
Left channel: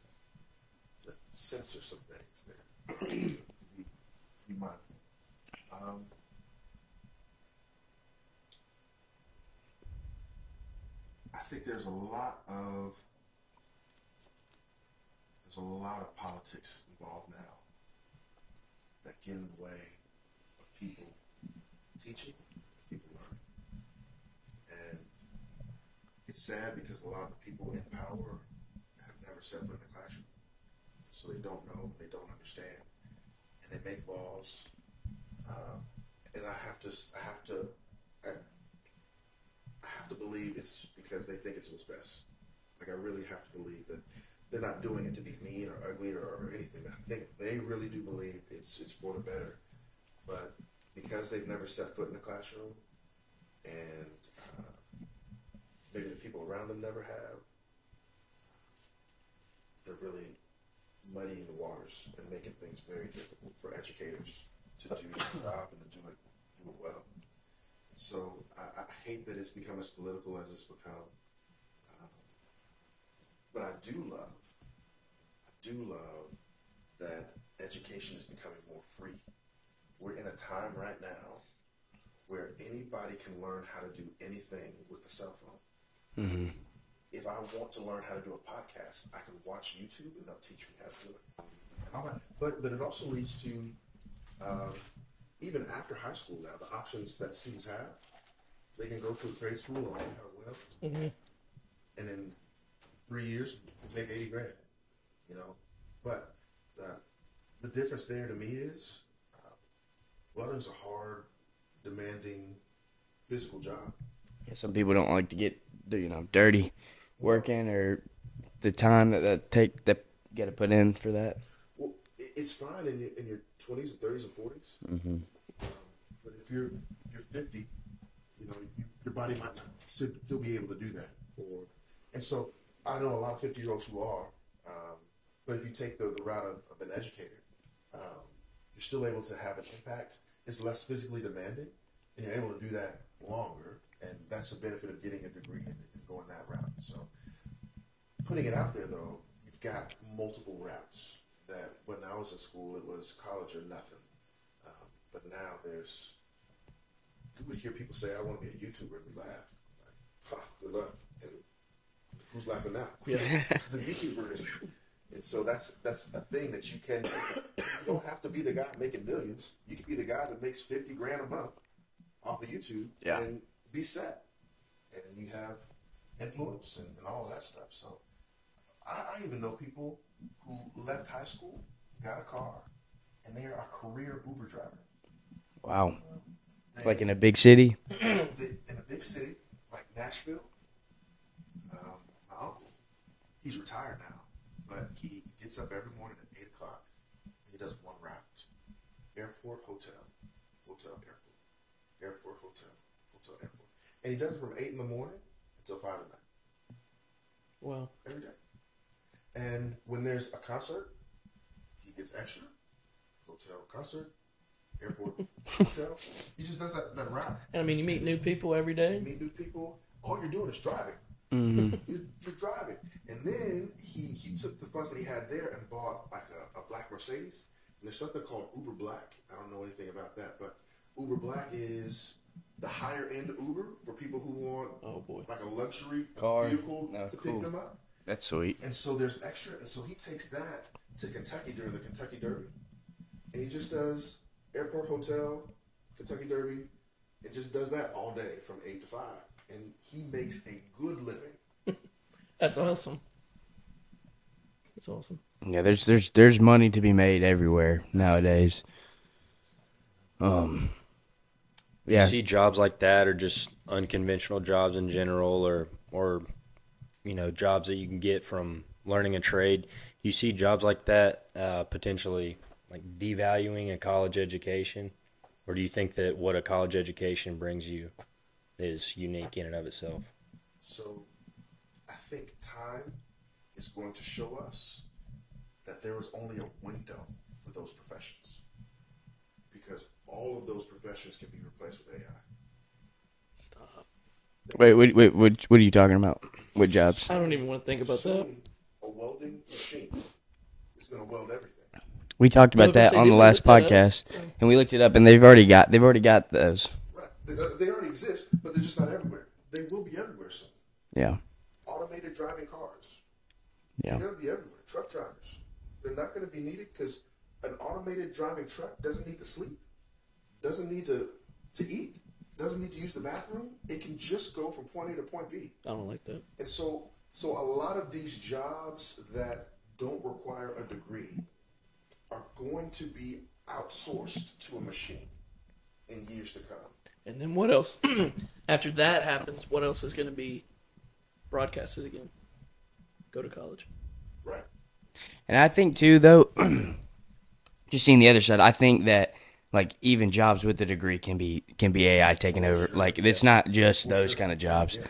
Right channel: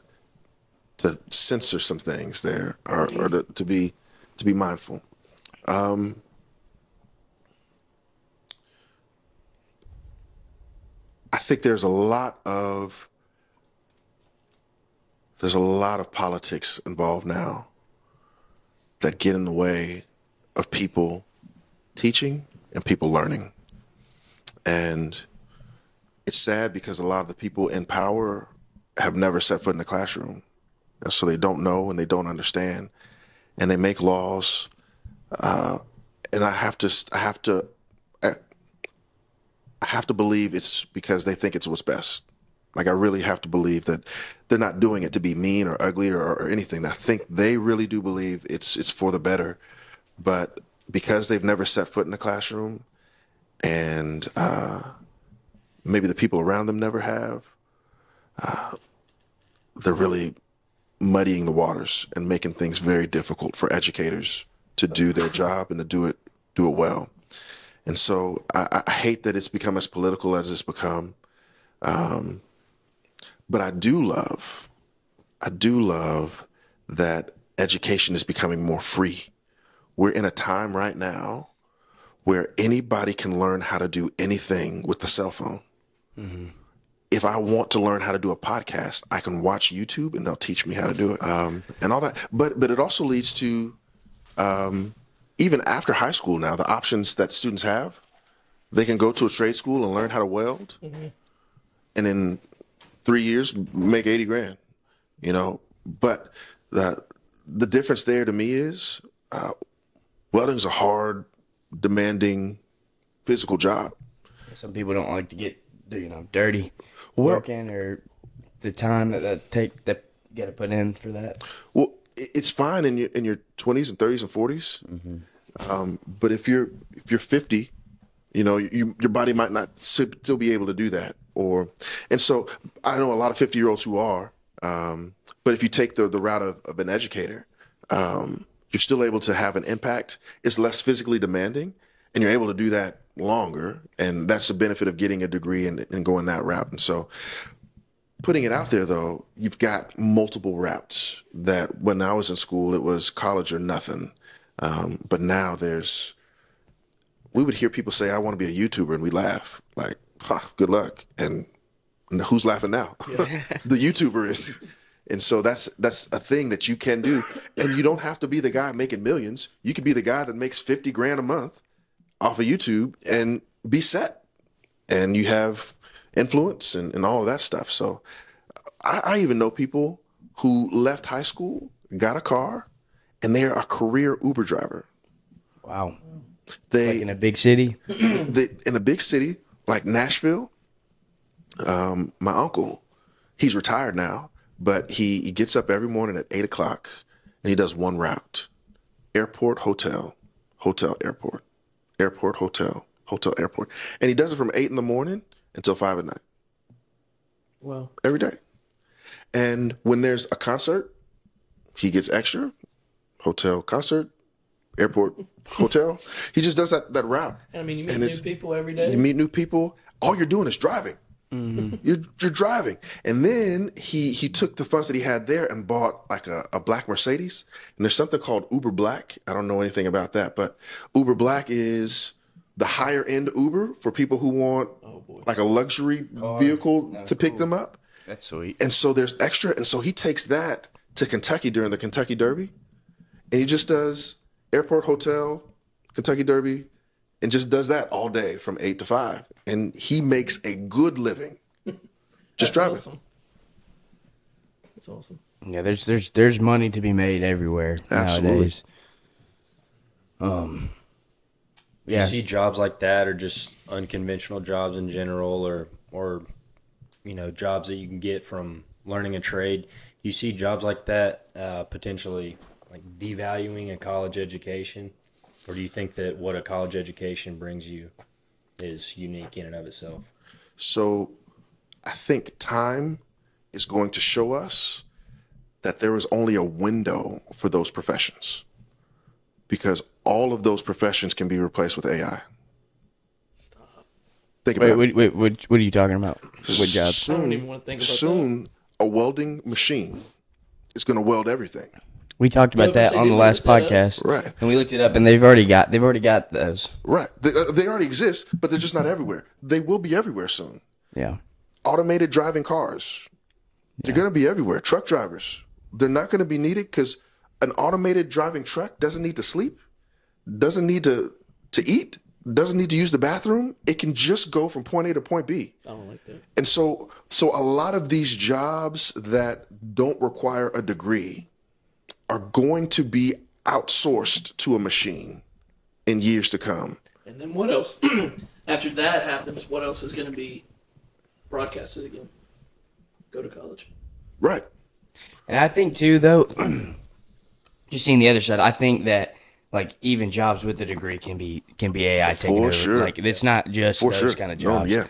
to censor some things there, or to be mindful. I think there's a lot of politics involved now that get in the way of people teaching and people learning. And it's sad because a lot of the people in power have never set foot in the classroom. And so they don't know and they don't understand. And they make laws. And I have to believe it's because they think it's what's best. Like I really have to believe that they're not doing it to be mean or ugly or anything. I think they really do believe it's for the better. But because they've never set foot in the classroom and maybe the people around them never have, they're really muddying the waters and making things very difficult for educators to do their job and to do it well. And so I hate that it's become as political as it's become. But I do love that education is becoming more free. We're in a time right now where anybody can learn how to do anything with the cell phone. Mm-hmm. If I want to learn how to do a podcast, I can watch YouTube and they'll teach me how to do it, and all that. But it also leads to, even after high school now, the options that students have. They can go to a trade school and learn how to weld, and in 3 years make 80 grand, you know. But the difference there to me is welding is a hard, demanding, physical job. Some people don't like to get dirty working, or the time that got to put in for that. Well, it's fine in your 20s and 30s and 40s. But if you're 50, your body might not still be able to do that. And so I know a lot of 50-year-olds who are. But if you take the route of an educator, you're still able to have an impact. It's less physically demanding, and you're able to do that longer. And that's the benefit of getting a degree and going that route. And so putting it out there, though, you've got multiple routes that when I was in school, it was college or nothing. But now we would hear people say, I want to be a YouTuber, and we laugh like, good luck. And who's laughing now? Yeah. The YouTuber is. And so that's a thing that you can do. And you don't have to be the guy making millions. You could be the guy that makes $50,000 a month off of YouTube and be set. And you have influence and all of that stuff. So I even know people who left high school, got a car, and they're a career Uber driver. Wow. Like in a big city? In a big city like Nashville. My uncle, he's retired now, but he gets up every morning at 8 o'clock and he does one route: airport, hotel, hotel, airport, airport, hotel, hotel, airport. And he does it from 8 in the morning until 5 at night. Wow. Every day. And when there's a concert, he gets extra: hotel, concert, airport, hotel. He just does that route. And I mean, you meet new people every day. You meet new people. All you're doing is driving. Mm-hmm. You're driving. And then he took the funds that he had there and bought like a black Mercedes. And there's something called Uber Black. I don't know anything about that, but Uber Black is the higher end Uber for people who want like a luxury vehicle to pick them up. That's sweet. And so there's extra. And so he takes that to Kentucky during the Kentucky Derby. And he just does airport, hotel, Kentucky Derby, and just does that all day from 8 to 5. And he makes a good living. Just driving. Awesome. That's awesome. Yeah, there's money to be made everywhere nowadays. Yeah. You see jobs like that, or just unconventional jobs in general, or jobs that you can get from learning a trade. You see jobs like that potentially like devaluing a college education, or do you think that what a college education brings you is unique in and of itself? So I think time is going to show us that there is only a window for those professions, because all of those professions can be replaced with AI. Stop. Wait, what are you talking about? What jobs? I don't even want to think about soon, a welding machine is going to weld everything. We talked about that on the last podcast, right? And we looked it up, and they've already got those. Right, they already exist, but they're just not everywhere. They will be everywhere soon. Yeah. Automated driving cars, they're going to be everywhere. Truck drivers, they're not going to be needed because an automated driving truck doesn't need to sleep, doesn't need to eat, doesn't need to use the bathroom. It can just go from point A to point B. I don't like that. And so a lot of these jobs that don't require a degree are going to be outsourced to a machine in years to come. And then what else? After that happens, what else is going to be broadcasted again? Go to college. Right. And I think too, though, just seeing the other side, I think that like even jobs with a degree can be AI taking over. Sure. Like it's not just For those sure. kind of jobs. Yeah.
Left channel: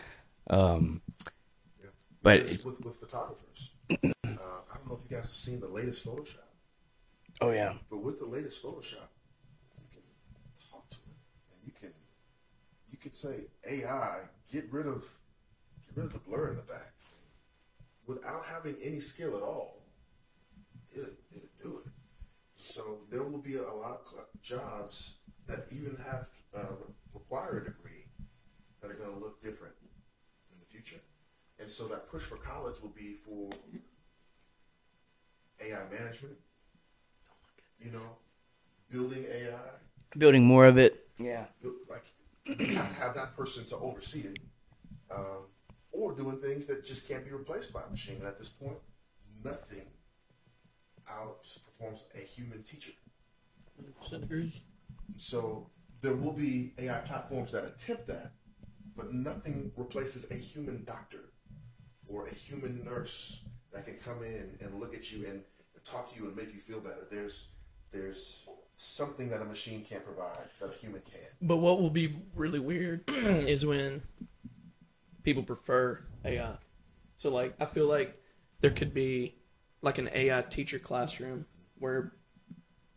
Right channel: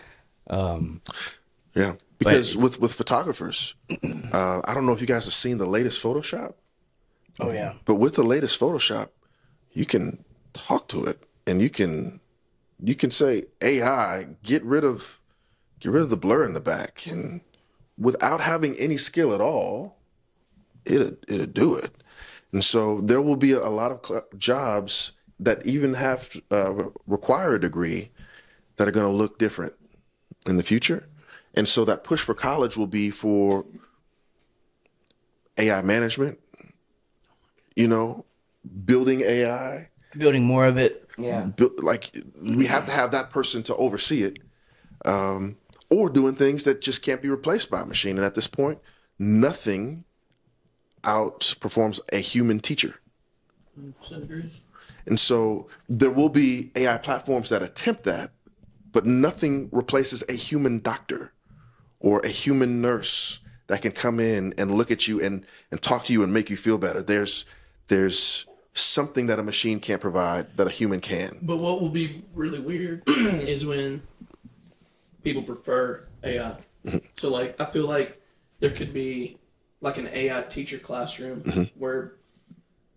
Because with photographers, I don't know if you guys have seen the latest Photoshop. Oh yeah. But with the latest Photoshop, you can talk to it and you can say, AI, get rid of the blur in the back, and without having any skill at all, it'll do it. And so there will be a lot of jobs that even have require a degree that are going to look different in the future. And so that push for college will be for AI management, building AI. Building more of it. Yeah. Like we have to have that person to oversee it, or doing things that just can't be replaced by a machine. And at this point, nothing outperforms a human teacher. 100% agree. And so there will be AI platforms that attempt that, but nothing replaces a human doctor or a human nurse that can come in and look at you and talk to you and make you feel better. There's something that a machine can't provide that a human can. But what will be really weird is when people prefer AI. So, like, I feel like there could be, like, an AI teacher classroom where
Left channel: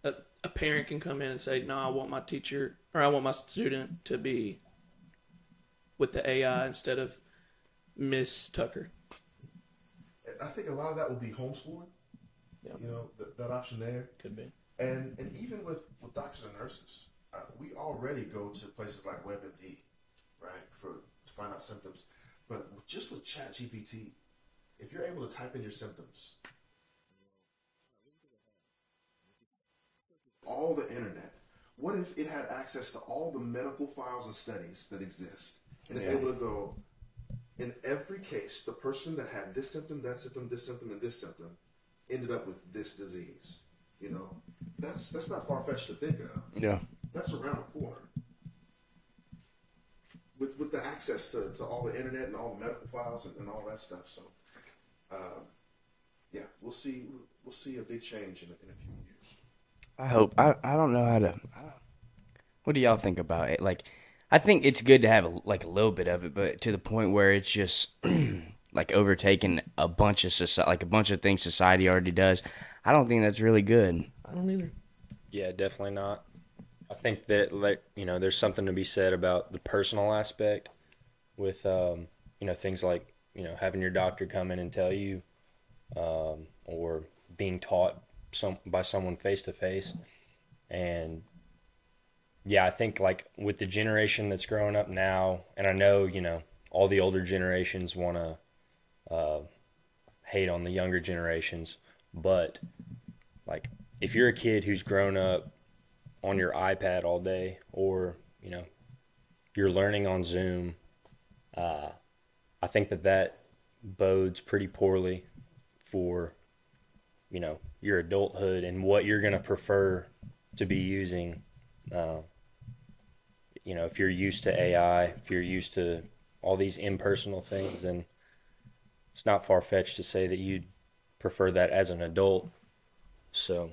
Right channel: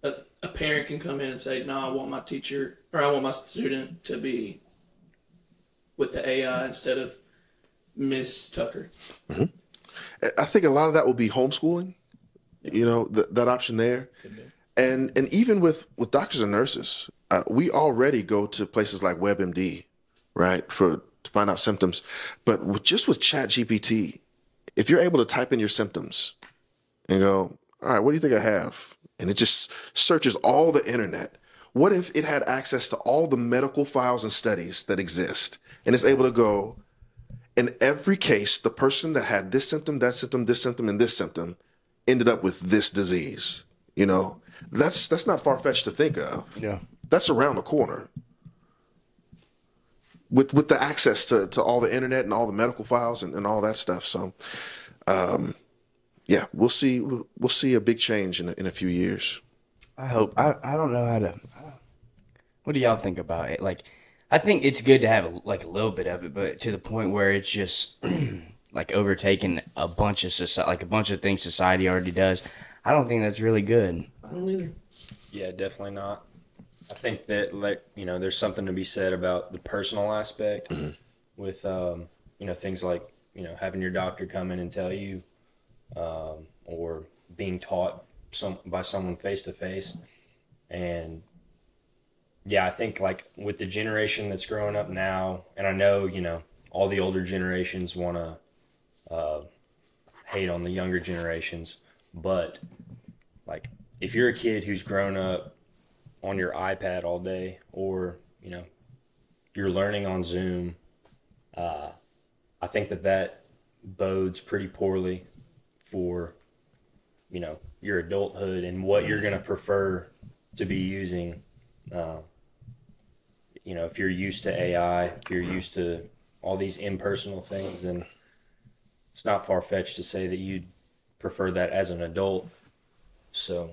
a parent can come in and say, no, I want my teacher, or I want my student to be with the AI instead of Miss Tucker. I think a lot of that will be homeschooling, you know, that option there. Could be. And even with doctors and nurses, we already go to places like WebMD, right, to find out symptoms. But just with ChatGPT, if you're able to type in your symptoms and go, all right, what do you think I have? And it just searches all the internet. What if it had access to all the medical files and studies that exist? And it's able to go, in every case, the person that had this symptom, that symptom, this symptom, and this symptom ended up with this disease. You know, that's not far-fetched to think of. Yeah. That's around the corner. With the access to all the internet and all the medical files and all that stuff. So, yeah, we'll see a big change in a few years. I hope. I don't know how to. What do y'all think about it? Like, I think it's good to have a little bit of it, but to the point where it's just like overtaking a bunch of a bunch of things society already does. I don't think that's really good. I don't either. Yeah, definitely not. I think that, like, you know, there's something to be said about the personal aspect with, you know, things like, you know, having your doctor come in and tell you, or being taught by someone face to face. And yeah, I think, like, with the generation that's growing up now, and I know, you know, all the older generations want to hate on the younger generations, but, like, if you're a kid who's grown up on your iPad all day, or, you know, you're learning on Zoom, I think that bodes pretty poorly for, you know, your adulthood and what you're going to prefer to be using. You know, if you're used to AI, if you're used to all these impersonal things, then it's not far-fetched to say that you'd prefer that as an adult. So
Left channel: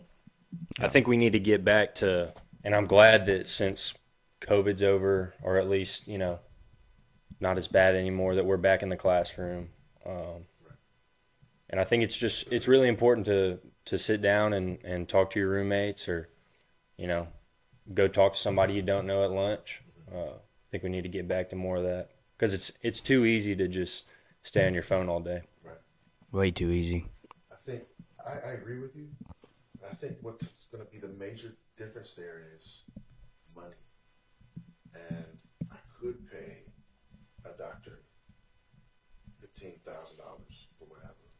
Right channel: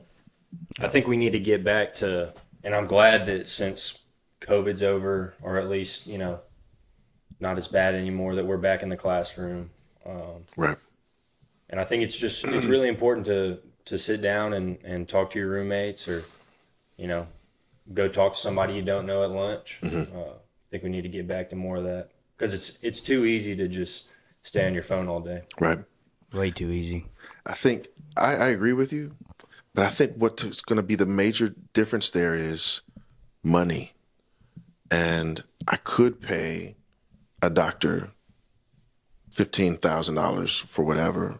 I think we need to get back to, and I'm glad that since COVID's over, or at least, you know, not as bad anymore, that we're back in the classroom. Right. And I think it's really important to sit down and talk to your roommates, or, you know, go talk to somebody you don't know at lunch. I think we need to get back to more of that, because it's too easy to just stay on your phone all day. Right. Way too easy. I think I agree with you, but I think what's going to be the major difference there is money. And I could pay a doctor $15,000 for whatever,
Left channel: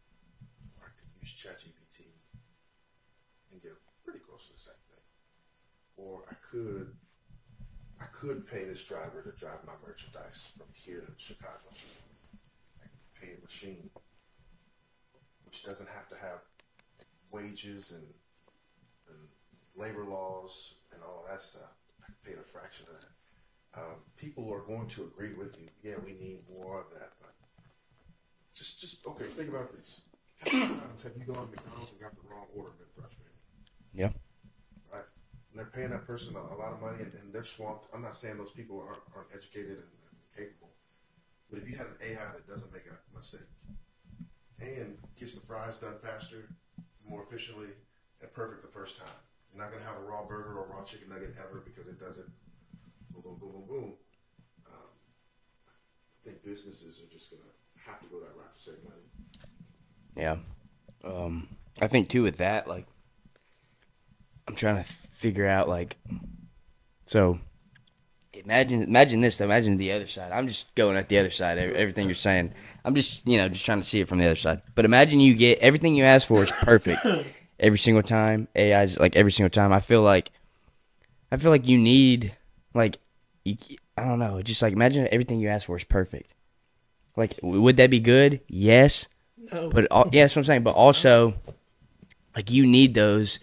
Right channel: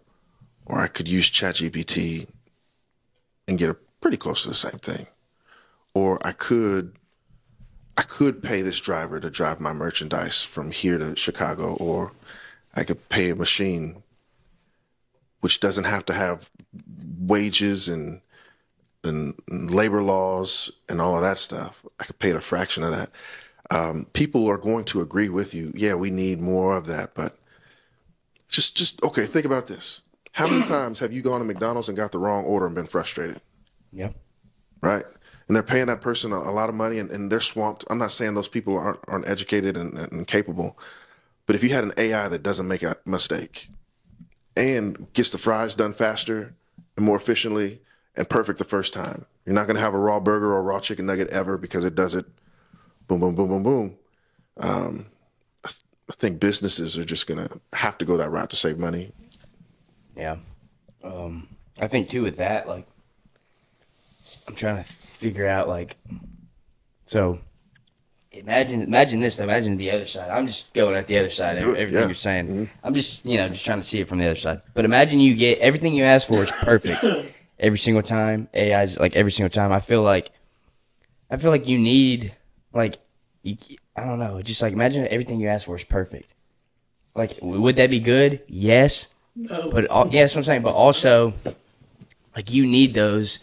or I could use ChatGPT and get pretty close to the same thing. Or I could pay this driver to drive my merchandise from here to Chicago, or I could pay a machine which doesn't have to have wages and labor laws and all of that stuff. I could pay it a fraction of that. People are going to agree with you. Yeah, we need more of that, but just okay, think about this. How many times have you gone to McDonald's and got the wrong order and been frustrated? Yeah. Right? And they're paying that person a lot of money, and they're swamped. I'm not saying those people aren't educated and capable, but if you had an AI that doesn't make a mistake and gets the fries done faster and more efficiently and perfect the first time, you're not going to have a raw burger or a raw chicken nugget ever, because it does it boom, boom, boom, boom, boom. I think businesses are just going to have to go that route to save money. Yeah. I think, too, with that, like, I'm trying to figure out, like, so imagine this, imagine the other side. I'm just going at the other side, everything you're saying. Mm-hmm. I'm just trying to see it from the other side. But imagine you get everything you ask for is perfect every single time. AI's like every single time. I feel like you need, like, I don't know, just like imagine everything you ask for is perfect. Like, would that be good? Yes. No. But yeah, that's what I'm saying. But also, like, you need those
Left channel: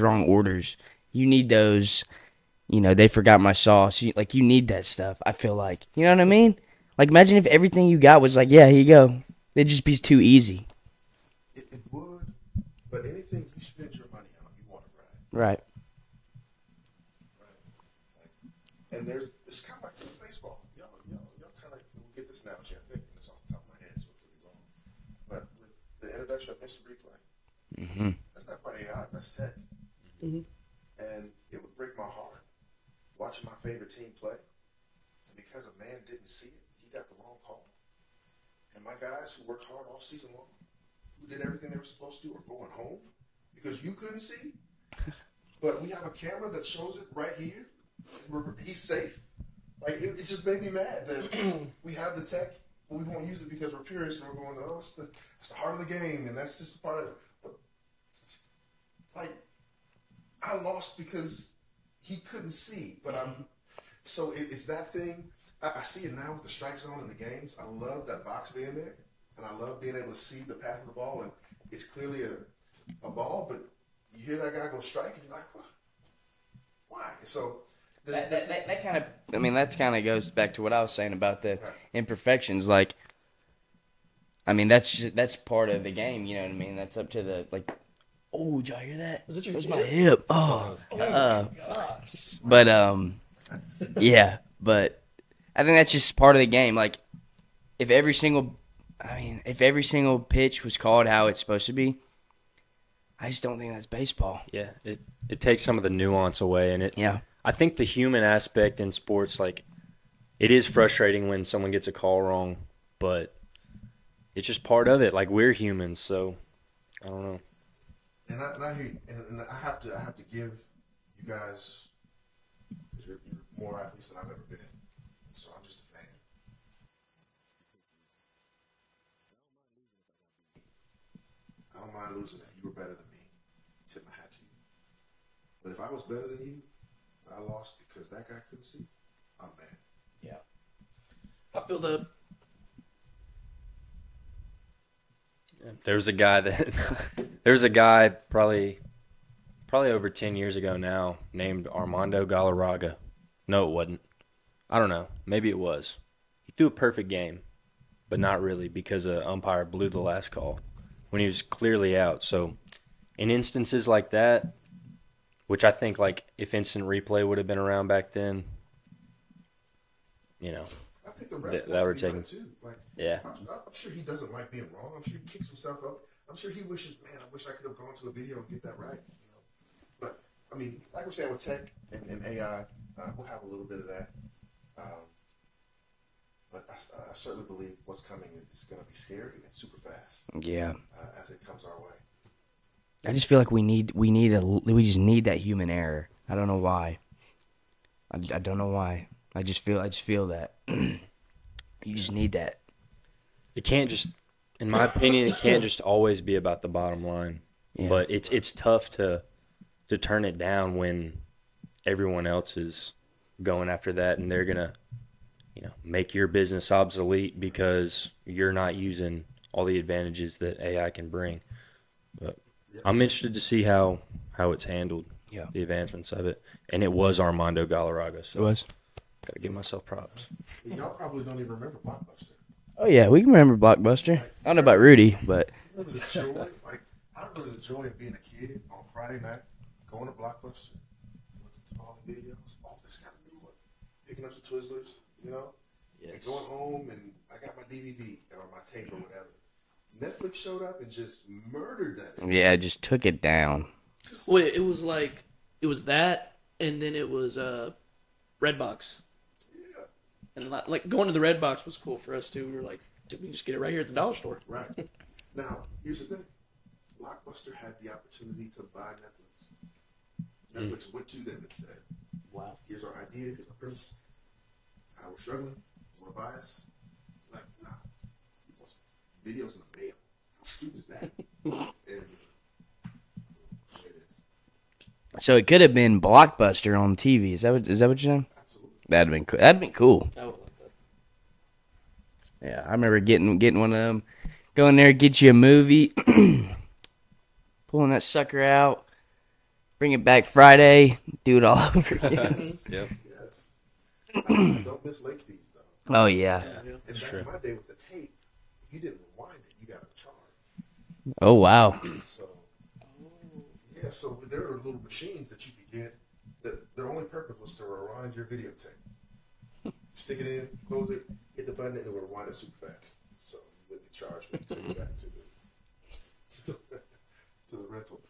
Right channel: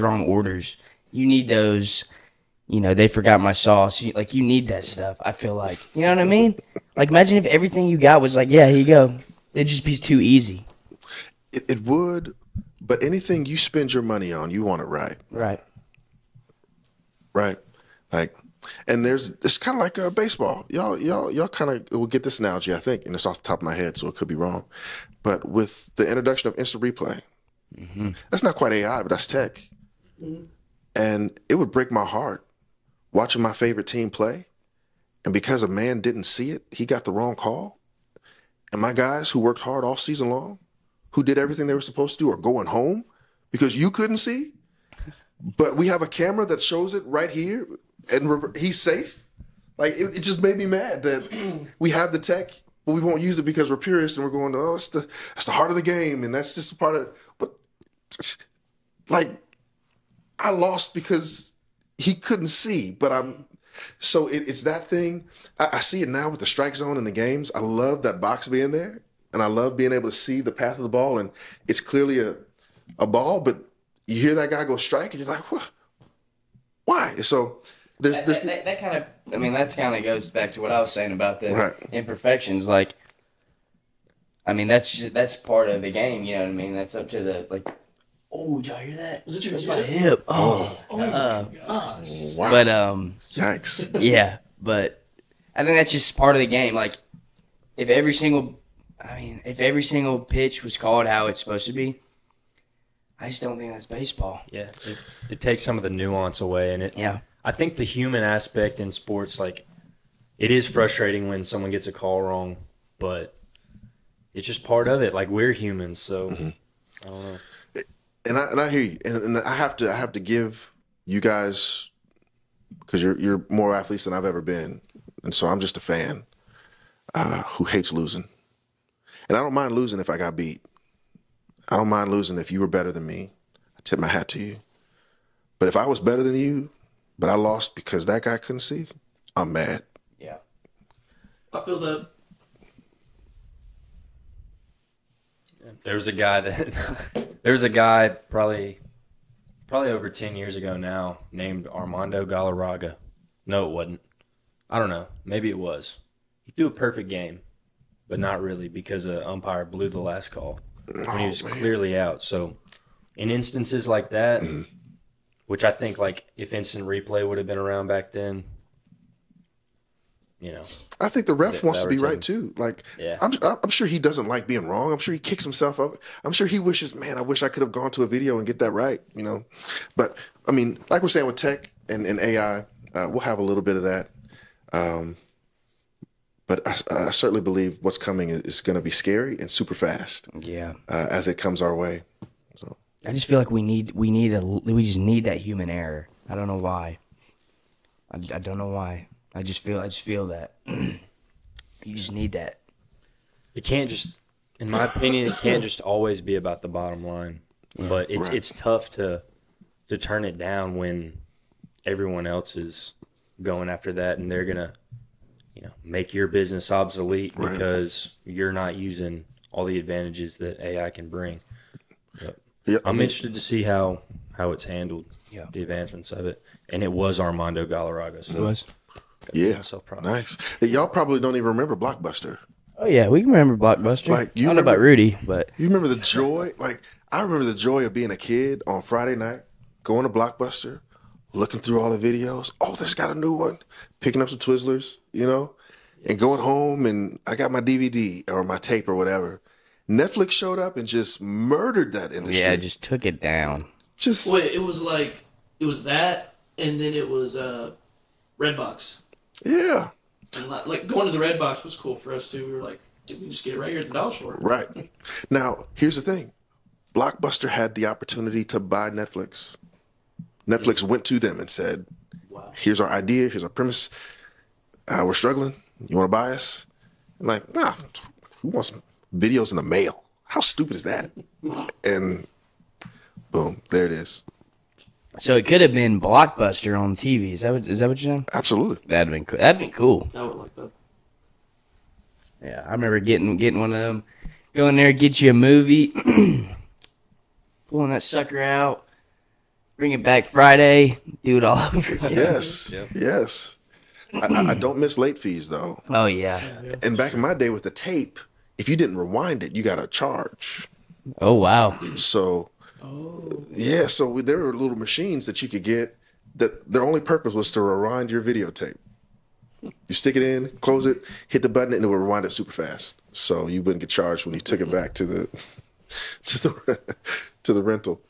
wrong orders. You need those, they forgot my sauce. You need that stuff. I feel like, you know what I mean? Like, imagine if everything you got was like, yeah, here you go. It'd just be too easy. It would, but anything you spend your money on, you want it right. Right. Right. Like, and it's kind of like baseball. Y'all kind of will get this analogy, I think, and it's off the top of my head, so it could be wrong. But with the introduction of instant replay, that's not quite AI, but that's tech. And it would break my heart watching my favorite team play, and because a man didn't see it, he got the wrong call. And my guys who worked hard all season long, who did everything they were supposed to do, are going home because you couldn't see. But we have a camera that shows it right here, and he's safe. Like, it just made me mad that we have the tech, but we won't use it because we're purists and we're going, oh, that's the heart of the game, and that's just a part of. But like, I lost because he couldn't see. But so it's that thing. I see it now with the strike zone in the games. I love that box being there, and I love being able to see the path of the ball, and it's clearly a ball, but you hear that guy go strike, and you're like, what? Why? So there's that kind of, I mean, that kind of goes back to what I was saying about the Right. imperfections. Like, I mean, that's part of the game. You know what I mean? That's up to the, like, oh, did y'all hear that? Was it your That's my hip? hip. Oh, Gosh. wow. but Yikes. yeah, but I think that's just part of the game. Like, if every single pitch was called how it's supposed to be, I just don't think that's baseball. Yeah, it takes some of the nuance away, and I think the human aspect in sports, like, it is frustrating when someone gets a call wrong, but it's just part of it. Like, we're humans, so I don't know. And I hear you, and I have to give you guys, because you're more athletes than I've ever been, and so I'm just a fan who hates losing, and I don't mind losing if I got beat. I don't mind losing if you were better than me. I tip my hat to you. But if I was better than you, but I lost because that guy couldn't see, I'm mad. Yeah. I feel that. There was a guy probably over 10 years ago now named Armando Galaraga. No, it wasn't. I don't know. Maybe it was. He threw a perfect game, but not really, because the umpire blew the last call when he was clearly out. So in instances like that, which I think, like, if instant replay would have been around back then, you know. I think the ref wants to be that would right too. Like, Yeah. I'm sure he doesn't like being wrong. I'm sure he kicks himself up. I'm sure he wishes, man, I wish I could have gone to a video and get that right, you know. But I mean, like we're saying with tech and AI, we'll have a little bit of that. But I certainly believe what's coming is going to be scary and super fast. Yeah. As it comes our way. So I just feel like we just need that human error. I don't know why. I don't know why. I just feel that. You just need that. It can't just, in my opinion, it can't just always be about the bottom line. Yeah, but it's tough to turn it down when everyone else is going after that, and they're gonna, make your business obsolete because you're not using all the advantages that AI can bring. But I'm interested to see how it's handled. Yeah. The advancements of it, and it was Armando Galaraga. So It was. gotta give myself props. nice. Y'all probably don't even remember Blockbuster. Oh yeah, we can remember Blockbuster. Like, I don't know about Rudy, but You remember the joy? Like, I remember the joy of being a kid on Friday night, going to Blockbuster, looking through all the videos. Oh, there's got a new one. Picking up some Twizzlers, and going home, and I got my DVD or my tape or whatever. Netflix showed up and just murdered that industry. yeah, just took it down. Just Wait, it was that, and then it was Redbox. yeah, And like going to the Redbox was cool for us too. We were like, did we just get it right here at the dollar store? right. Now, here's the thing. Blockbuster had the opportunity to buy Netflix. Netflix went to them and said, Wow. here's our idea, here's our premise. We're struggling. You want to buy us? I'm like, nah, who wants videos in the mail? How stupid is that? And boom, there it is. So it could have been Blockbuster on TV. Is that what you're saying? Absolutely. That'd been cool. That'd been cool. I would like that. Yeah, I remember getting one of them. Go in there, get you a movie, pulling that sucker out, bring it back Friday, do it all over again. Yes. Yep. Yes. I don't miss late fees though. Oh yeah. And back in my day with the tape, if you didn't rewind it, you got a charge. Oh wow. So yeah, so there were little machines that you could get that their only purpose was to rewind your videotape. You stick it in, close it, hit the button, and it would rewind it super fast. So you wouldn't get charged when you took it back to the to the rental.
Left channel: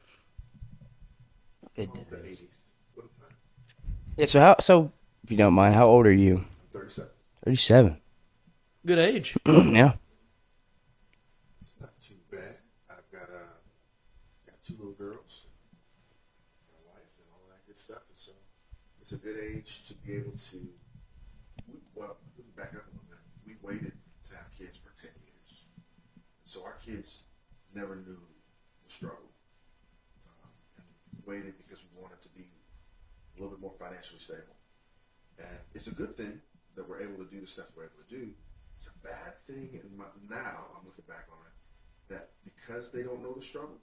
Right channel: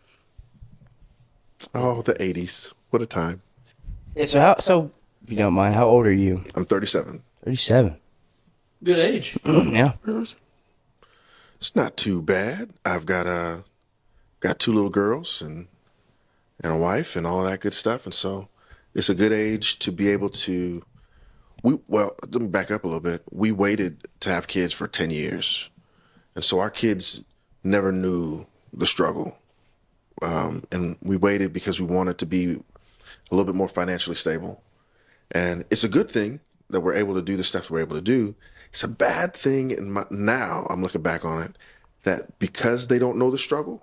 Oh, the 80s. What a time. Yeah, so if you don't mind, how old are you? I'm 37. 37. Good age. Yeah. It's not too bad. I've got two little girls and a wife and all of that good stuff, and so it's a good age to be able to. Well, let me back up a little bit. We waited to have kids for 10 years, and so our kids never knew the struggle, and we waited because we wanted to be a little bit more financially stable. And it's a good thing that we're able to do the stuff we're able to do. It's a bad thing, now I'm looking back on it, that because they don't know the struggle,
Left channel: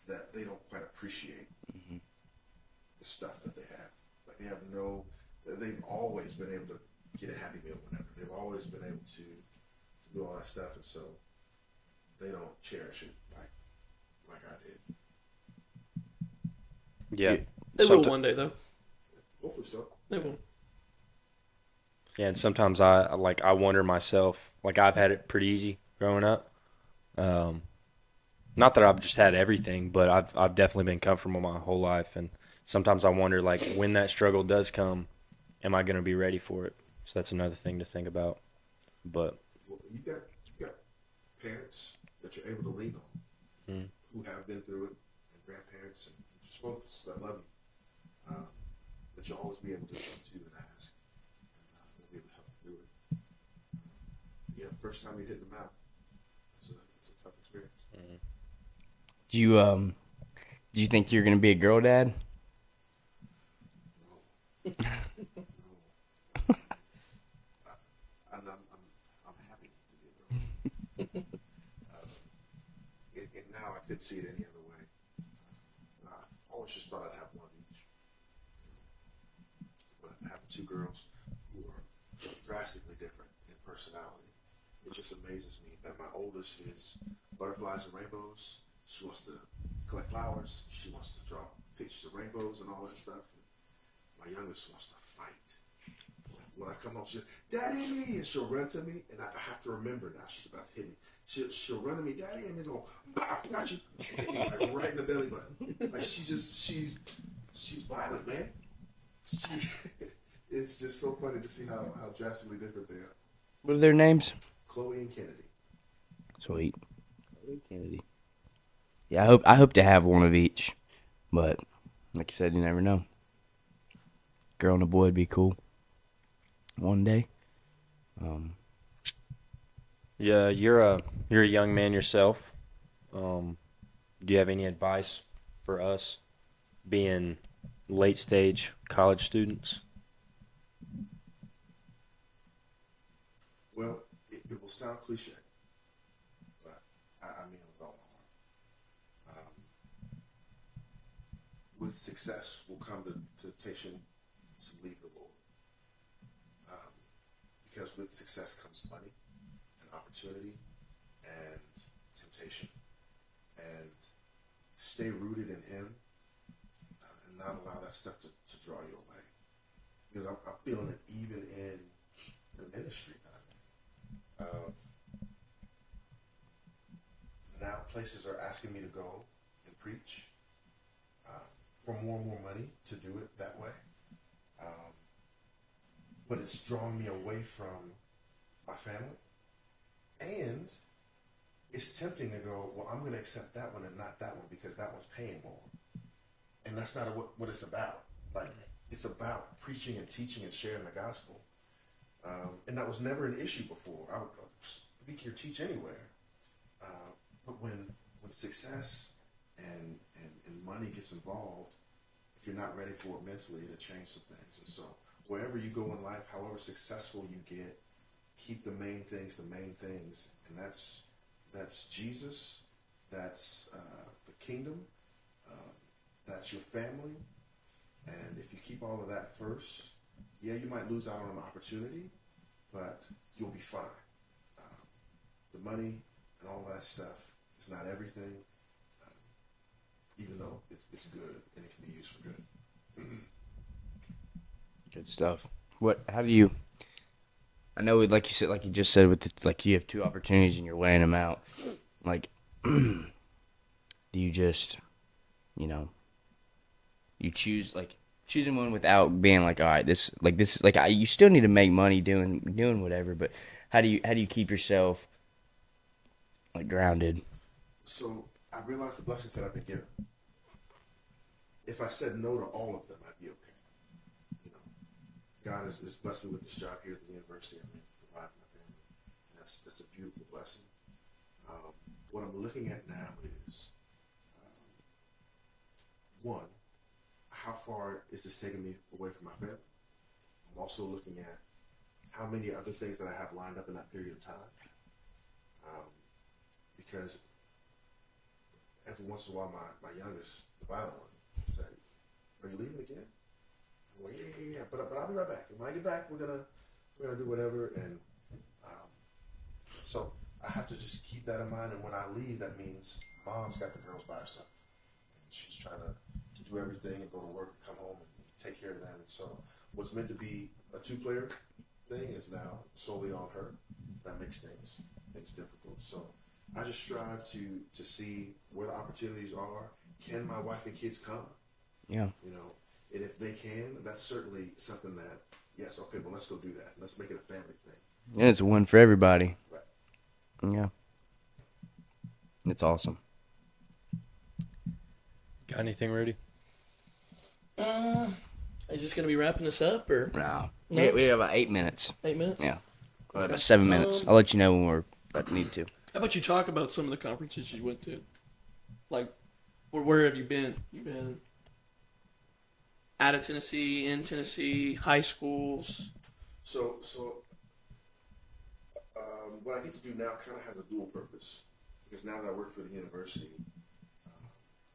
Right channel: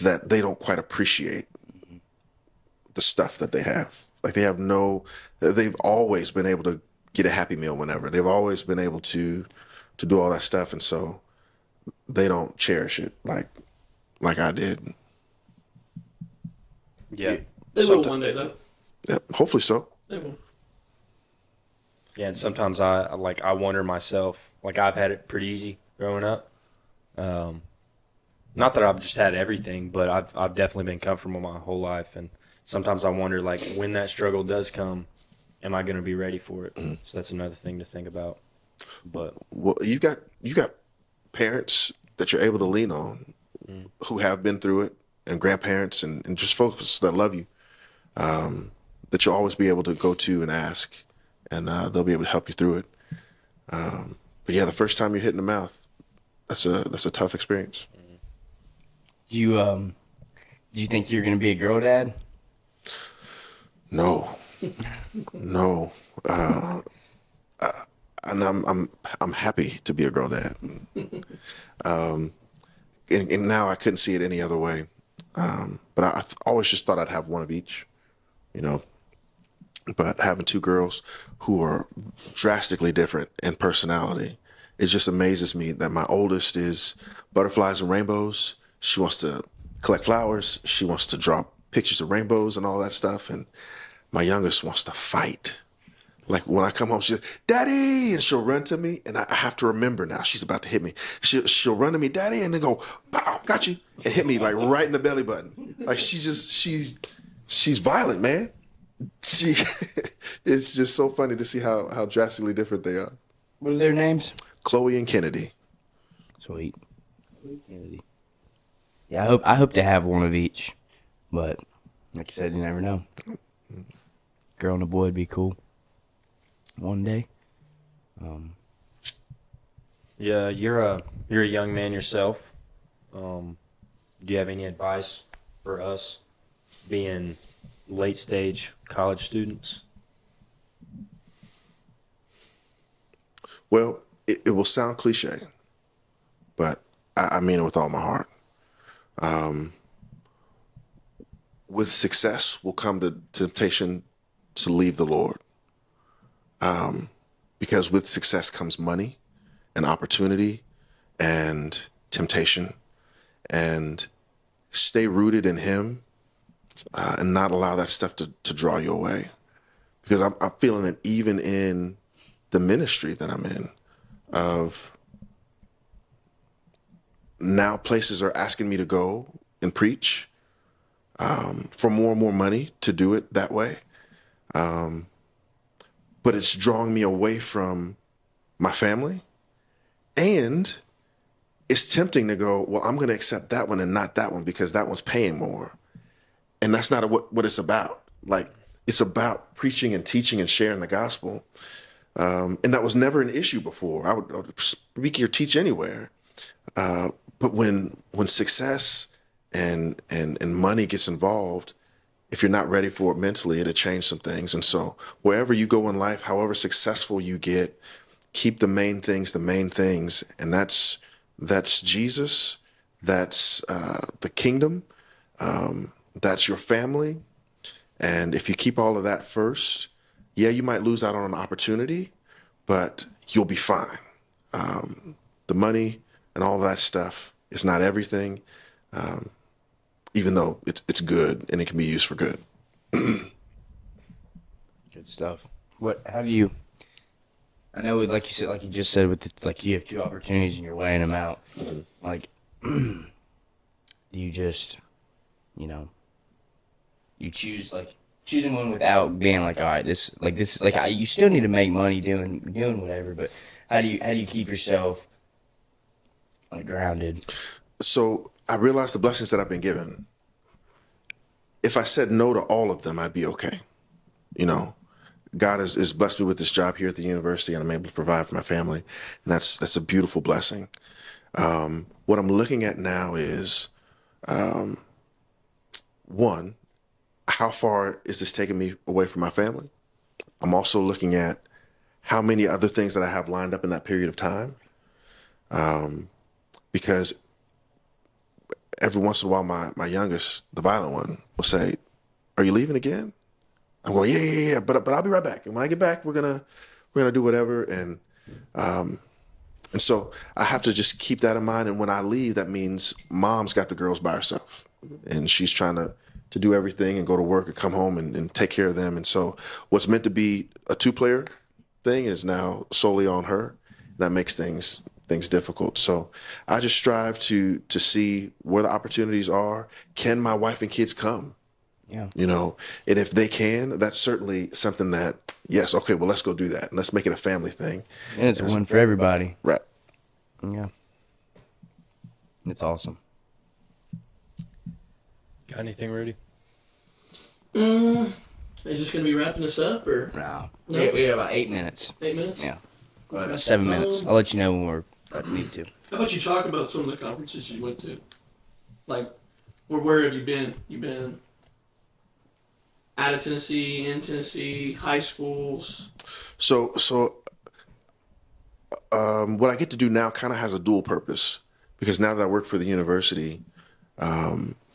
that they don't quite appreciate the stuff that they have. Like they've always been able to get a Happy Meal whenever. They've always been able to do all that stuff, and so they don't cherish it like I did. Yeah. They will one day, though. Yeah, hopefully so. They will. Yeah, and sometimes I wonder myself, like I've had it pretty easy growing up. Not that I've just had everything, but I've definitely been comfortable my whole life, and sometimes I wonder, like, when that struggle does come, am I going to be ready for it? So that's another thing to think about. But well, you got parents that you're able to lean on who have been through it, and grandparents and just folks that love you, that you'll always be able to go to and ask, and they'll be able to help you through it. But yeah, the first time you're hit in the mouth, that's a tough experience. Do you think you're gonna be a girl dad? No. And I'm happy to be a girl dad. And now I couldn't see it any other way. But I always just thought I'd have one of each, you know. But having two girls who are drastically different in personality, it just amazes me that my oldest is butterflies and rainbows. She wants to collect flowers. She wants to draw pictures of rainbows and all that stuff. And my youngest wants to fight. Like when I come home, she'll, Daddy, and she'll run to me, and I have to remember now she's about to hit me. She'll run to me, Daddy, and then go, pow, got you, and hit me like right in the belly button. Like she's violent, man. It's just so funny to see how drastically different they are. What are their names? Chloe and Kennedy. Sweet. Kennedy. Yeah, I hope to have one of each, but like you said, you never know. Girl and a boy would be cool. One day. yeah, you're a young man yourself. Do you have any advice for us being late stage college students? Well, it will sound cliche, but I mean it with all my heart. With success will come the temptation to leave the Lord. Because with success comes money and opportunity and temptation, and stay rooted in Him, and not allow that stuff to draw you away. Because I'm feeling it even in the ministry that I'm in, of now places are asking me to go and preach for more and more money to do it that way. But it's drawing me away from my family, and it's tempting to go, well, I'm going to accept that one and not that one because that one's paying more. And that's not what it's about. Like, it's about preaching and teaching and sharing the gospel. And that was never an issue before. I would speak or teach anywhere. But when success and money gets involved, if you're not ready for it mentally, it'll change some things. And so wherever you go in life, however successful you get, keep the main things. And that's Jesus. That's the kingdom. That's your family. And if you keep all of that first, yeah, you might lose out on an opportunity, but you'll be fine. The money and all that stuff It's not everything, even though it's good and it can be used for good. Good stuff. How do you, I know, like you said, like you just said, like you have two opportunities and you're weighing them out. Like, do you just, you choosing one without being like, all right, you still need to make money doing whatever, but how do you keep yourself like grounded? So I realized the blessings that I've been given. If I said no to all of them, I'd be okay. God has blessed me with this job here at the university, and I'm able to provide for my family, and that's a beautiful blessing. What I'm looking at now is, one, how far is this taking me away from my family? I'm also looking at how many other things that I have lined up in that period of time, because every once in a while, my youngest, the violent one, will say, "Are you leaving again?" I'm going, yeah, but I'll be right back. And when I get back, we're gonna do whatever. And so I have to just keep that in mind. And when I leave, that means mom's got the girls by herself, and she's trying to do everything and go to work and come home and take care of them. And so what's meant to be a 2-player thing is now solely on her. That makes things difficult. So I just strive to see where the opportunities are. Can my wife and kids come? Yeah. And if they can, that's certainly something that, yes, okay, well, let's go do that. Let's make it a family thing. And it's a win for everybody. Right. Yeah. It's awesome. Got anything, Rudy? Is this going to be wrapping this up, or? No. No? We have about 8 minutes. 8 minutes? Yeah. About 7 minutes. I'll let you know when we're need to. How about you talk about some of the conferences you went to? Like, where have you been? You've been out of Tennessee, in Tennessee, high schools. So what I get to do now kind of has a dual purpose, because now that I work for the university,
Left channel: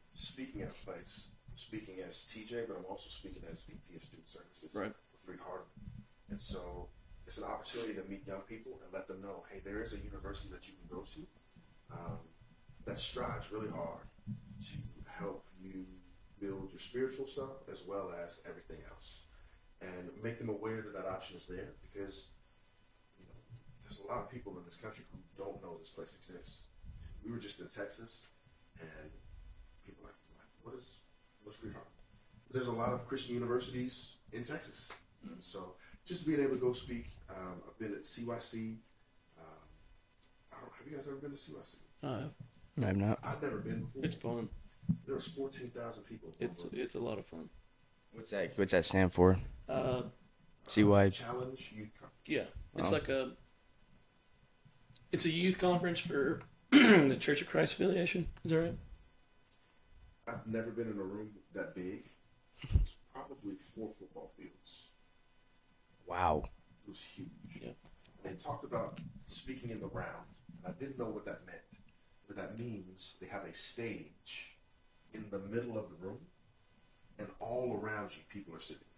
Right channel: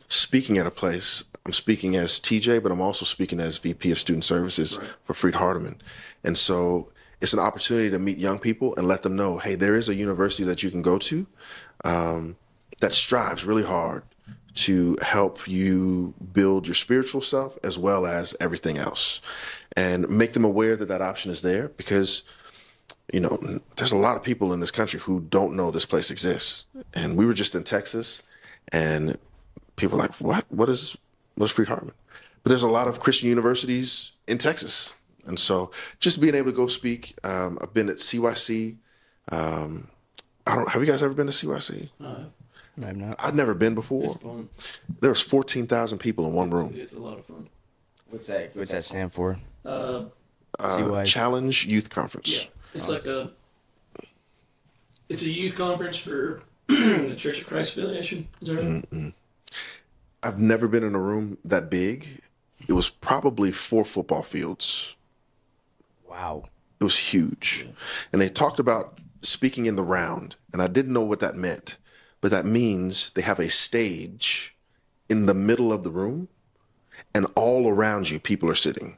speaking at a place, I'm speaking as TJ, but I'm also speaking as VP of Student Services for Freed-Hardeman. And so it's an opportunity to meet young people and let them know, hey, there is a university that you can go to that strives really hard to help you build your spiritual self as well as everything else, and make them aware that that option is there, because there's a lot of people in this country who don't know this place exists. And we were just in Texas, and people are like, what is Freed-Hardeman? But there's a lot of Christian universities in Texas. And so just being able to go speak, I've been at CYC. Have you guys ever been to CYC? No. I've not. I've never been before. It's fun. There was 14,000 people in one room. It's a lot of fun. What's that stand for? CY. Challenge Youth Conference. Yeah. It's it's a youth conference for the Church of Christ affiliation. Is that right? Mm-mm. I've never been in a room that big. It was probably 4 football fields. Wow. It was huge. Yeah. And they talked about speaking in the round, and I didn't know what that meant, but that means they have a stage in the middle of the room, and all around you, people are sitting.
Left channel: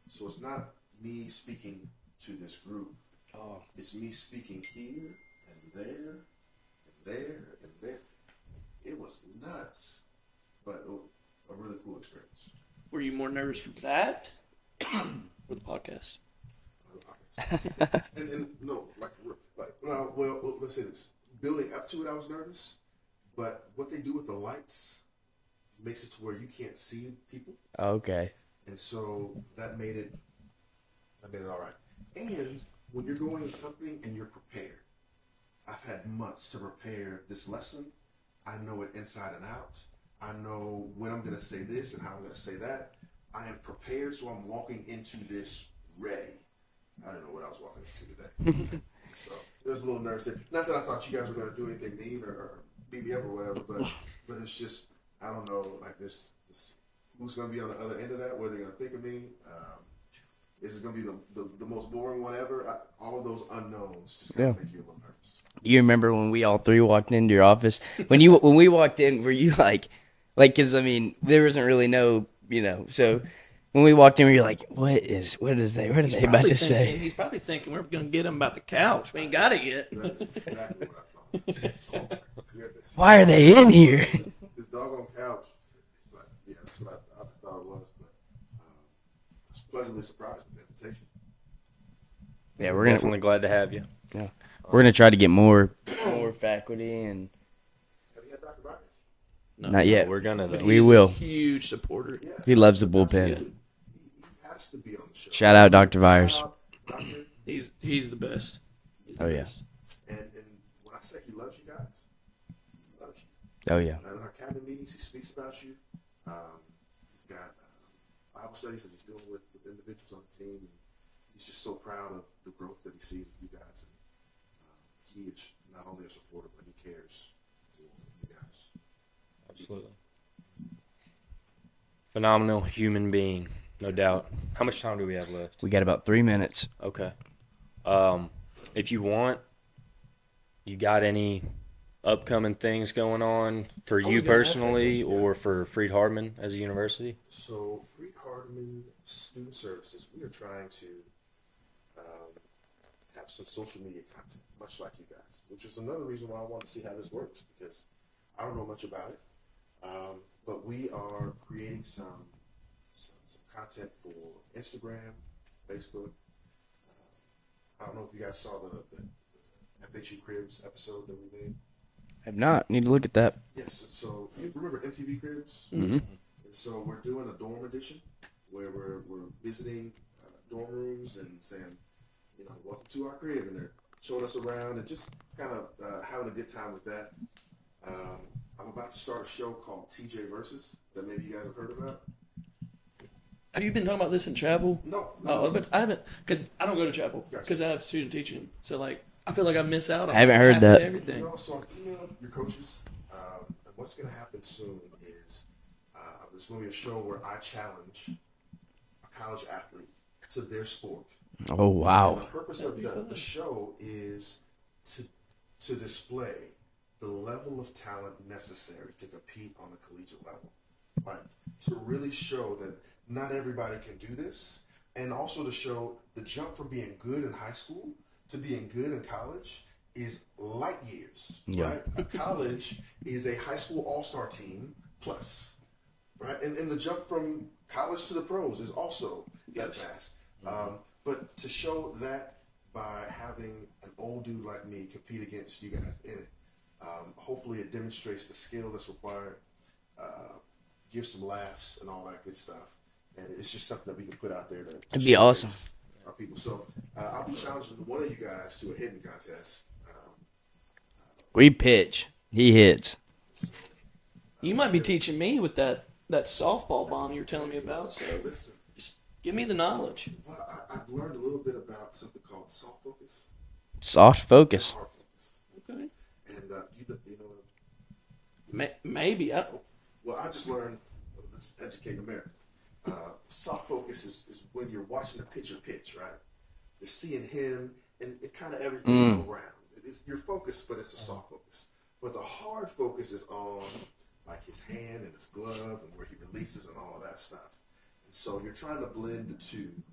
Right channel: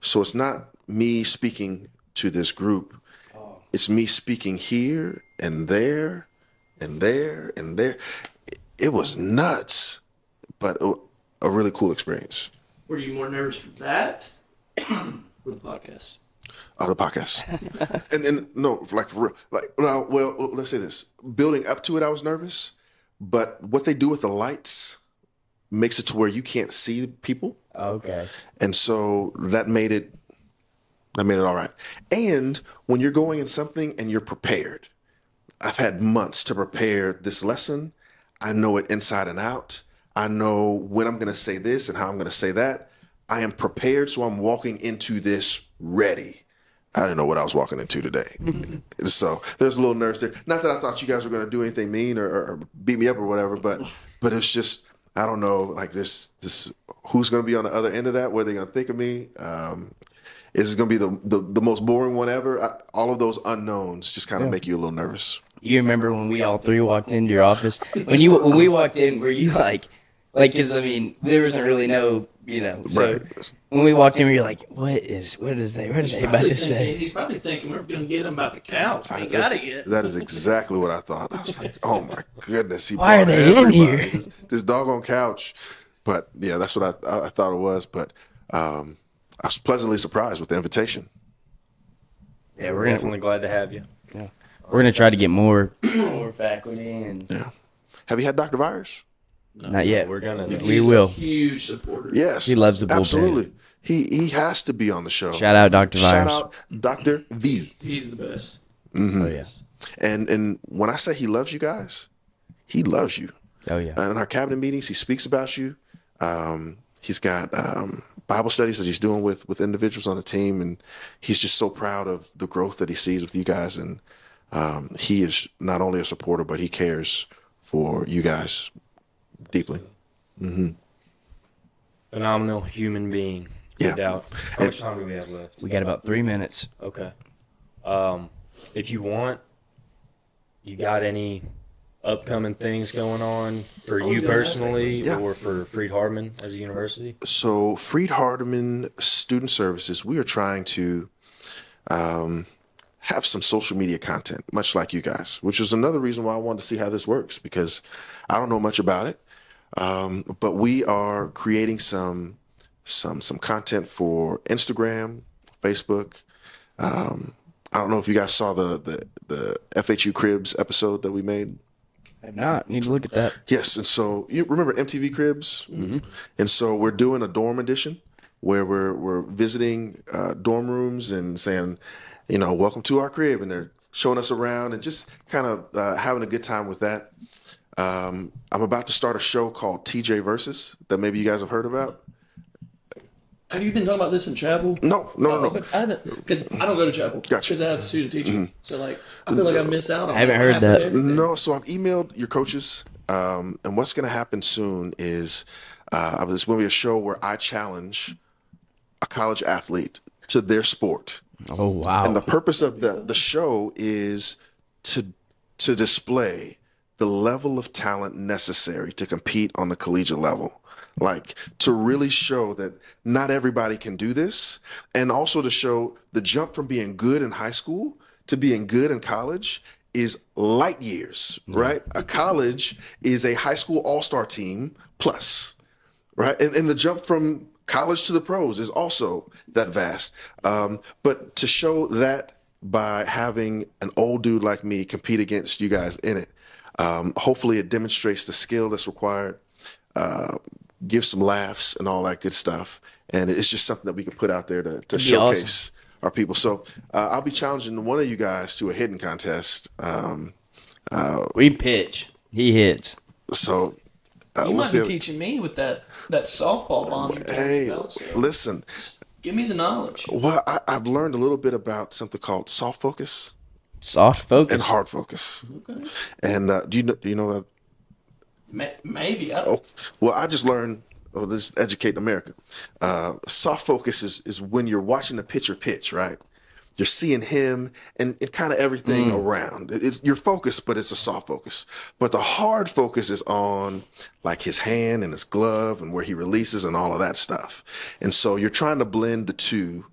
So it's not me speaking to this group. Oh. It's me speaking here and there and there and there. It was nuts, but a really cool experience. Were you more nervous for that or the podcast? The podcast. and no, like for real. Well, let's say this. Building up to it, I was nervous, but what they do with the lights makes it to where you can't see people. Okay. And so that made it all right. And when you're going in something and you're prepared, I've had months to prepare this lesson. I know it inside and out. I know when I'm going to say this and how I'm going to say that. I am prepared, so I'm walking into this ready. I didn't know what I was walking into today. So there's a little nerves there. Not that I thought you guys were going to do anything mean or beat me up or whatever, but it's just, I don't know, like this who's going to be on the other end of that? What are they going to think of me? Is it going to be the most boring one ever? All of those unknowns just kind of make you a little nervous. You remember when we all three walked into your office? When we walked in, were you like, because I mean, there wasn't really no, so when we walked in, we were like, what is they about to say? He's probably thinking we're going to get him about the couch. We ain't got it yet. That is exactly what I thought. I was like, oh my goodness. Why are they in here? This doggone couch. But yeah, that's what I thought it was. But I was pleasantly surprised with the invitation. Yeah, We're definitely glad to have you. Yeah, we're gonna try to get more faculty and. Yeah. Have you had Dr. Virus? No, Not yet. We're gonna. He's We will. a huge supporter. Yes. He loves the bullpen. Absolutely. He has to be on the show. Shout out Dr. Shout Virus. out Dr. V. He's the best. Oh yeah. And when I say he loves you guys, he loves you. Oh yeah. In our cabinet meetings, he speaks about you. He's got Bible studies that he's doing with individuals on the team, and he's just so proud of the growth that he sees with you guys. And he is not only a supporter, but he cares for you guys deeply. Mm-hmm. Phenomenal human being, no Yeah. doubt. How much time do we have left? We got about 3 minutes. Okay. If you want, you got any upcoming things going on for you personally Yeah. or for Freed-Hardeman as a university? So Freed-Hardeman Student Services, we are trying to have some social media content, much like you guys, which is another reason why I wanted to see how this works, because I don't know much about it. But we are creating some content for Instagram, Facebook. I don't know if you guys saw the FHU Cribs episode that we made. I have not. Need to look at that. Yes, and so you remember MTV Cribs? Mm-hmm. And so we're doing a dorm edition where we're visiting dorm rooms and saying, welcome to our crib, and they're showing us around and just kind of having a good time with that. I'm about to start a show called TJ Versus that maybe you guys have heard about. Have you been talking about this in chapel? No. But I haven't, because I don't go to chapel. Gotcha. Because I have student teaching. So, I feel like I miss out on I haven't heard half of that. everything. No, so I've emailed your coaches, and what's going to happen soon is there's going to be a show where I challenge a college athlete to their sport. Oh wow. And the purpose of the show is to display the level of talent necessary to compete on the collegiate level. Like, to really show that not everybody can do this, and also to show the jump from being good in high school to being good in college is light years, right? A college is a high school all-star team plus, right? And the jump from college to the pros is also that vast. But to show that by having an old dude like me compete against you guys in it, hopefully it demonstrates the skill that's required, give some laughs and all that good stuff. And it's just something that we can put out there to showcase awesome. our people. So I'll be challenging one of you guys to a hitting contest. We pitch. He hits. So You we'll might be see. teaching me with that softball bomb you're telling me about. So Listen, give me the knowledge. well, I've learned a little bit about something called soft focus Soft and focus. hard focus. Okay. And do you know? Maybe. Oh, well, I just learned. Oh, this is educating America. Soft focus is when you're watching the pitcher pitch, right? You're seeing him and kind of everything around. It's your focus, but it's a soft focus. But the hard focus is on like his hand and his glove and where he releases and all of that stuff. And so you're trying to blend the two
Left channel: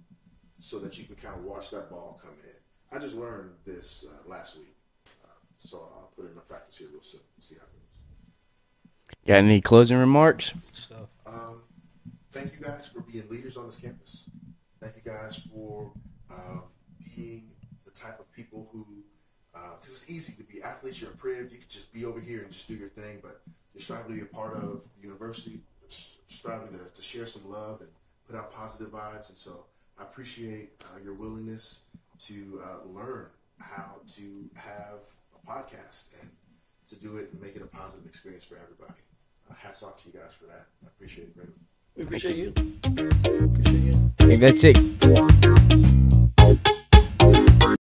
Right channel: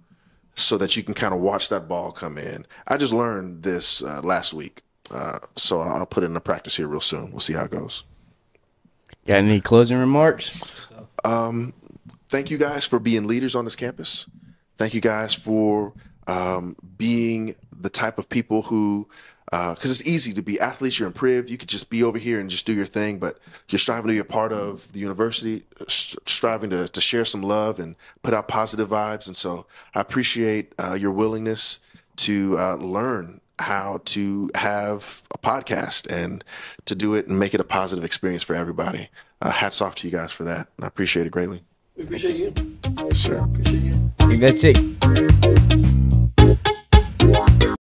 so that you can kind of watch that ball come in. I just learned this last week, so I'll put it into practice here real soon. We'll see how it goes. Got any closing remarks? Thank you guys for being leaders on this campus. Thank you guys for being the type of people who, because it's easy to be athletes, you're in Priv, you could just be over here and just do your thing, but you're striving to be a part of the university, striving to share some love and put out positive vibes. And so I appreciate your willingness to learn how to have a podcast and to do it and make it a positive experience for everybody. Hats off to you guys for that. And I appreciate it greatly. We appreciate you. Yes, sir. Appreciate you. I think that's it.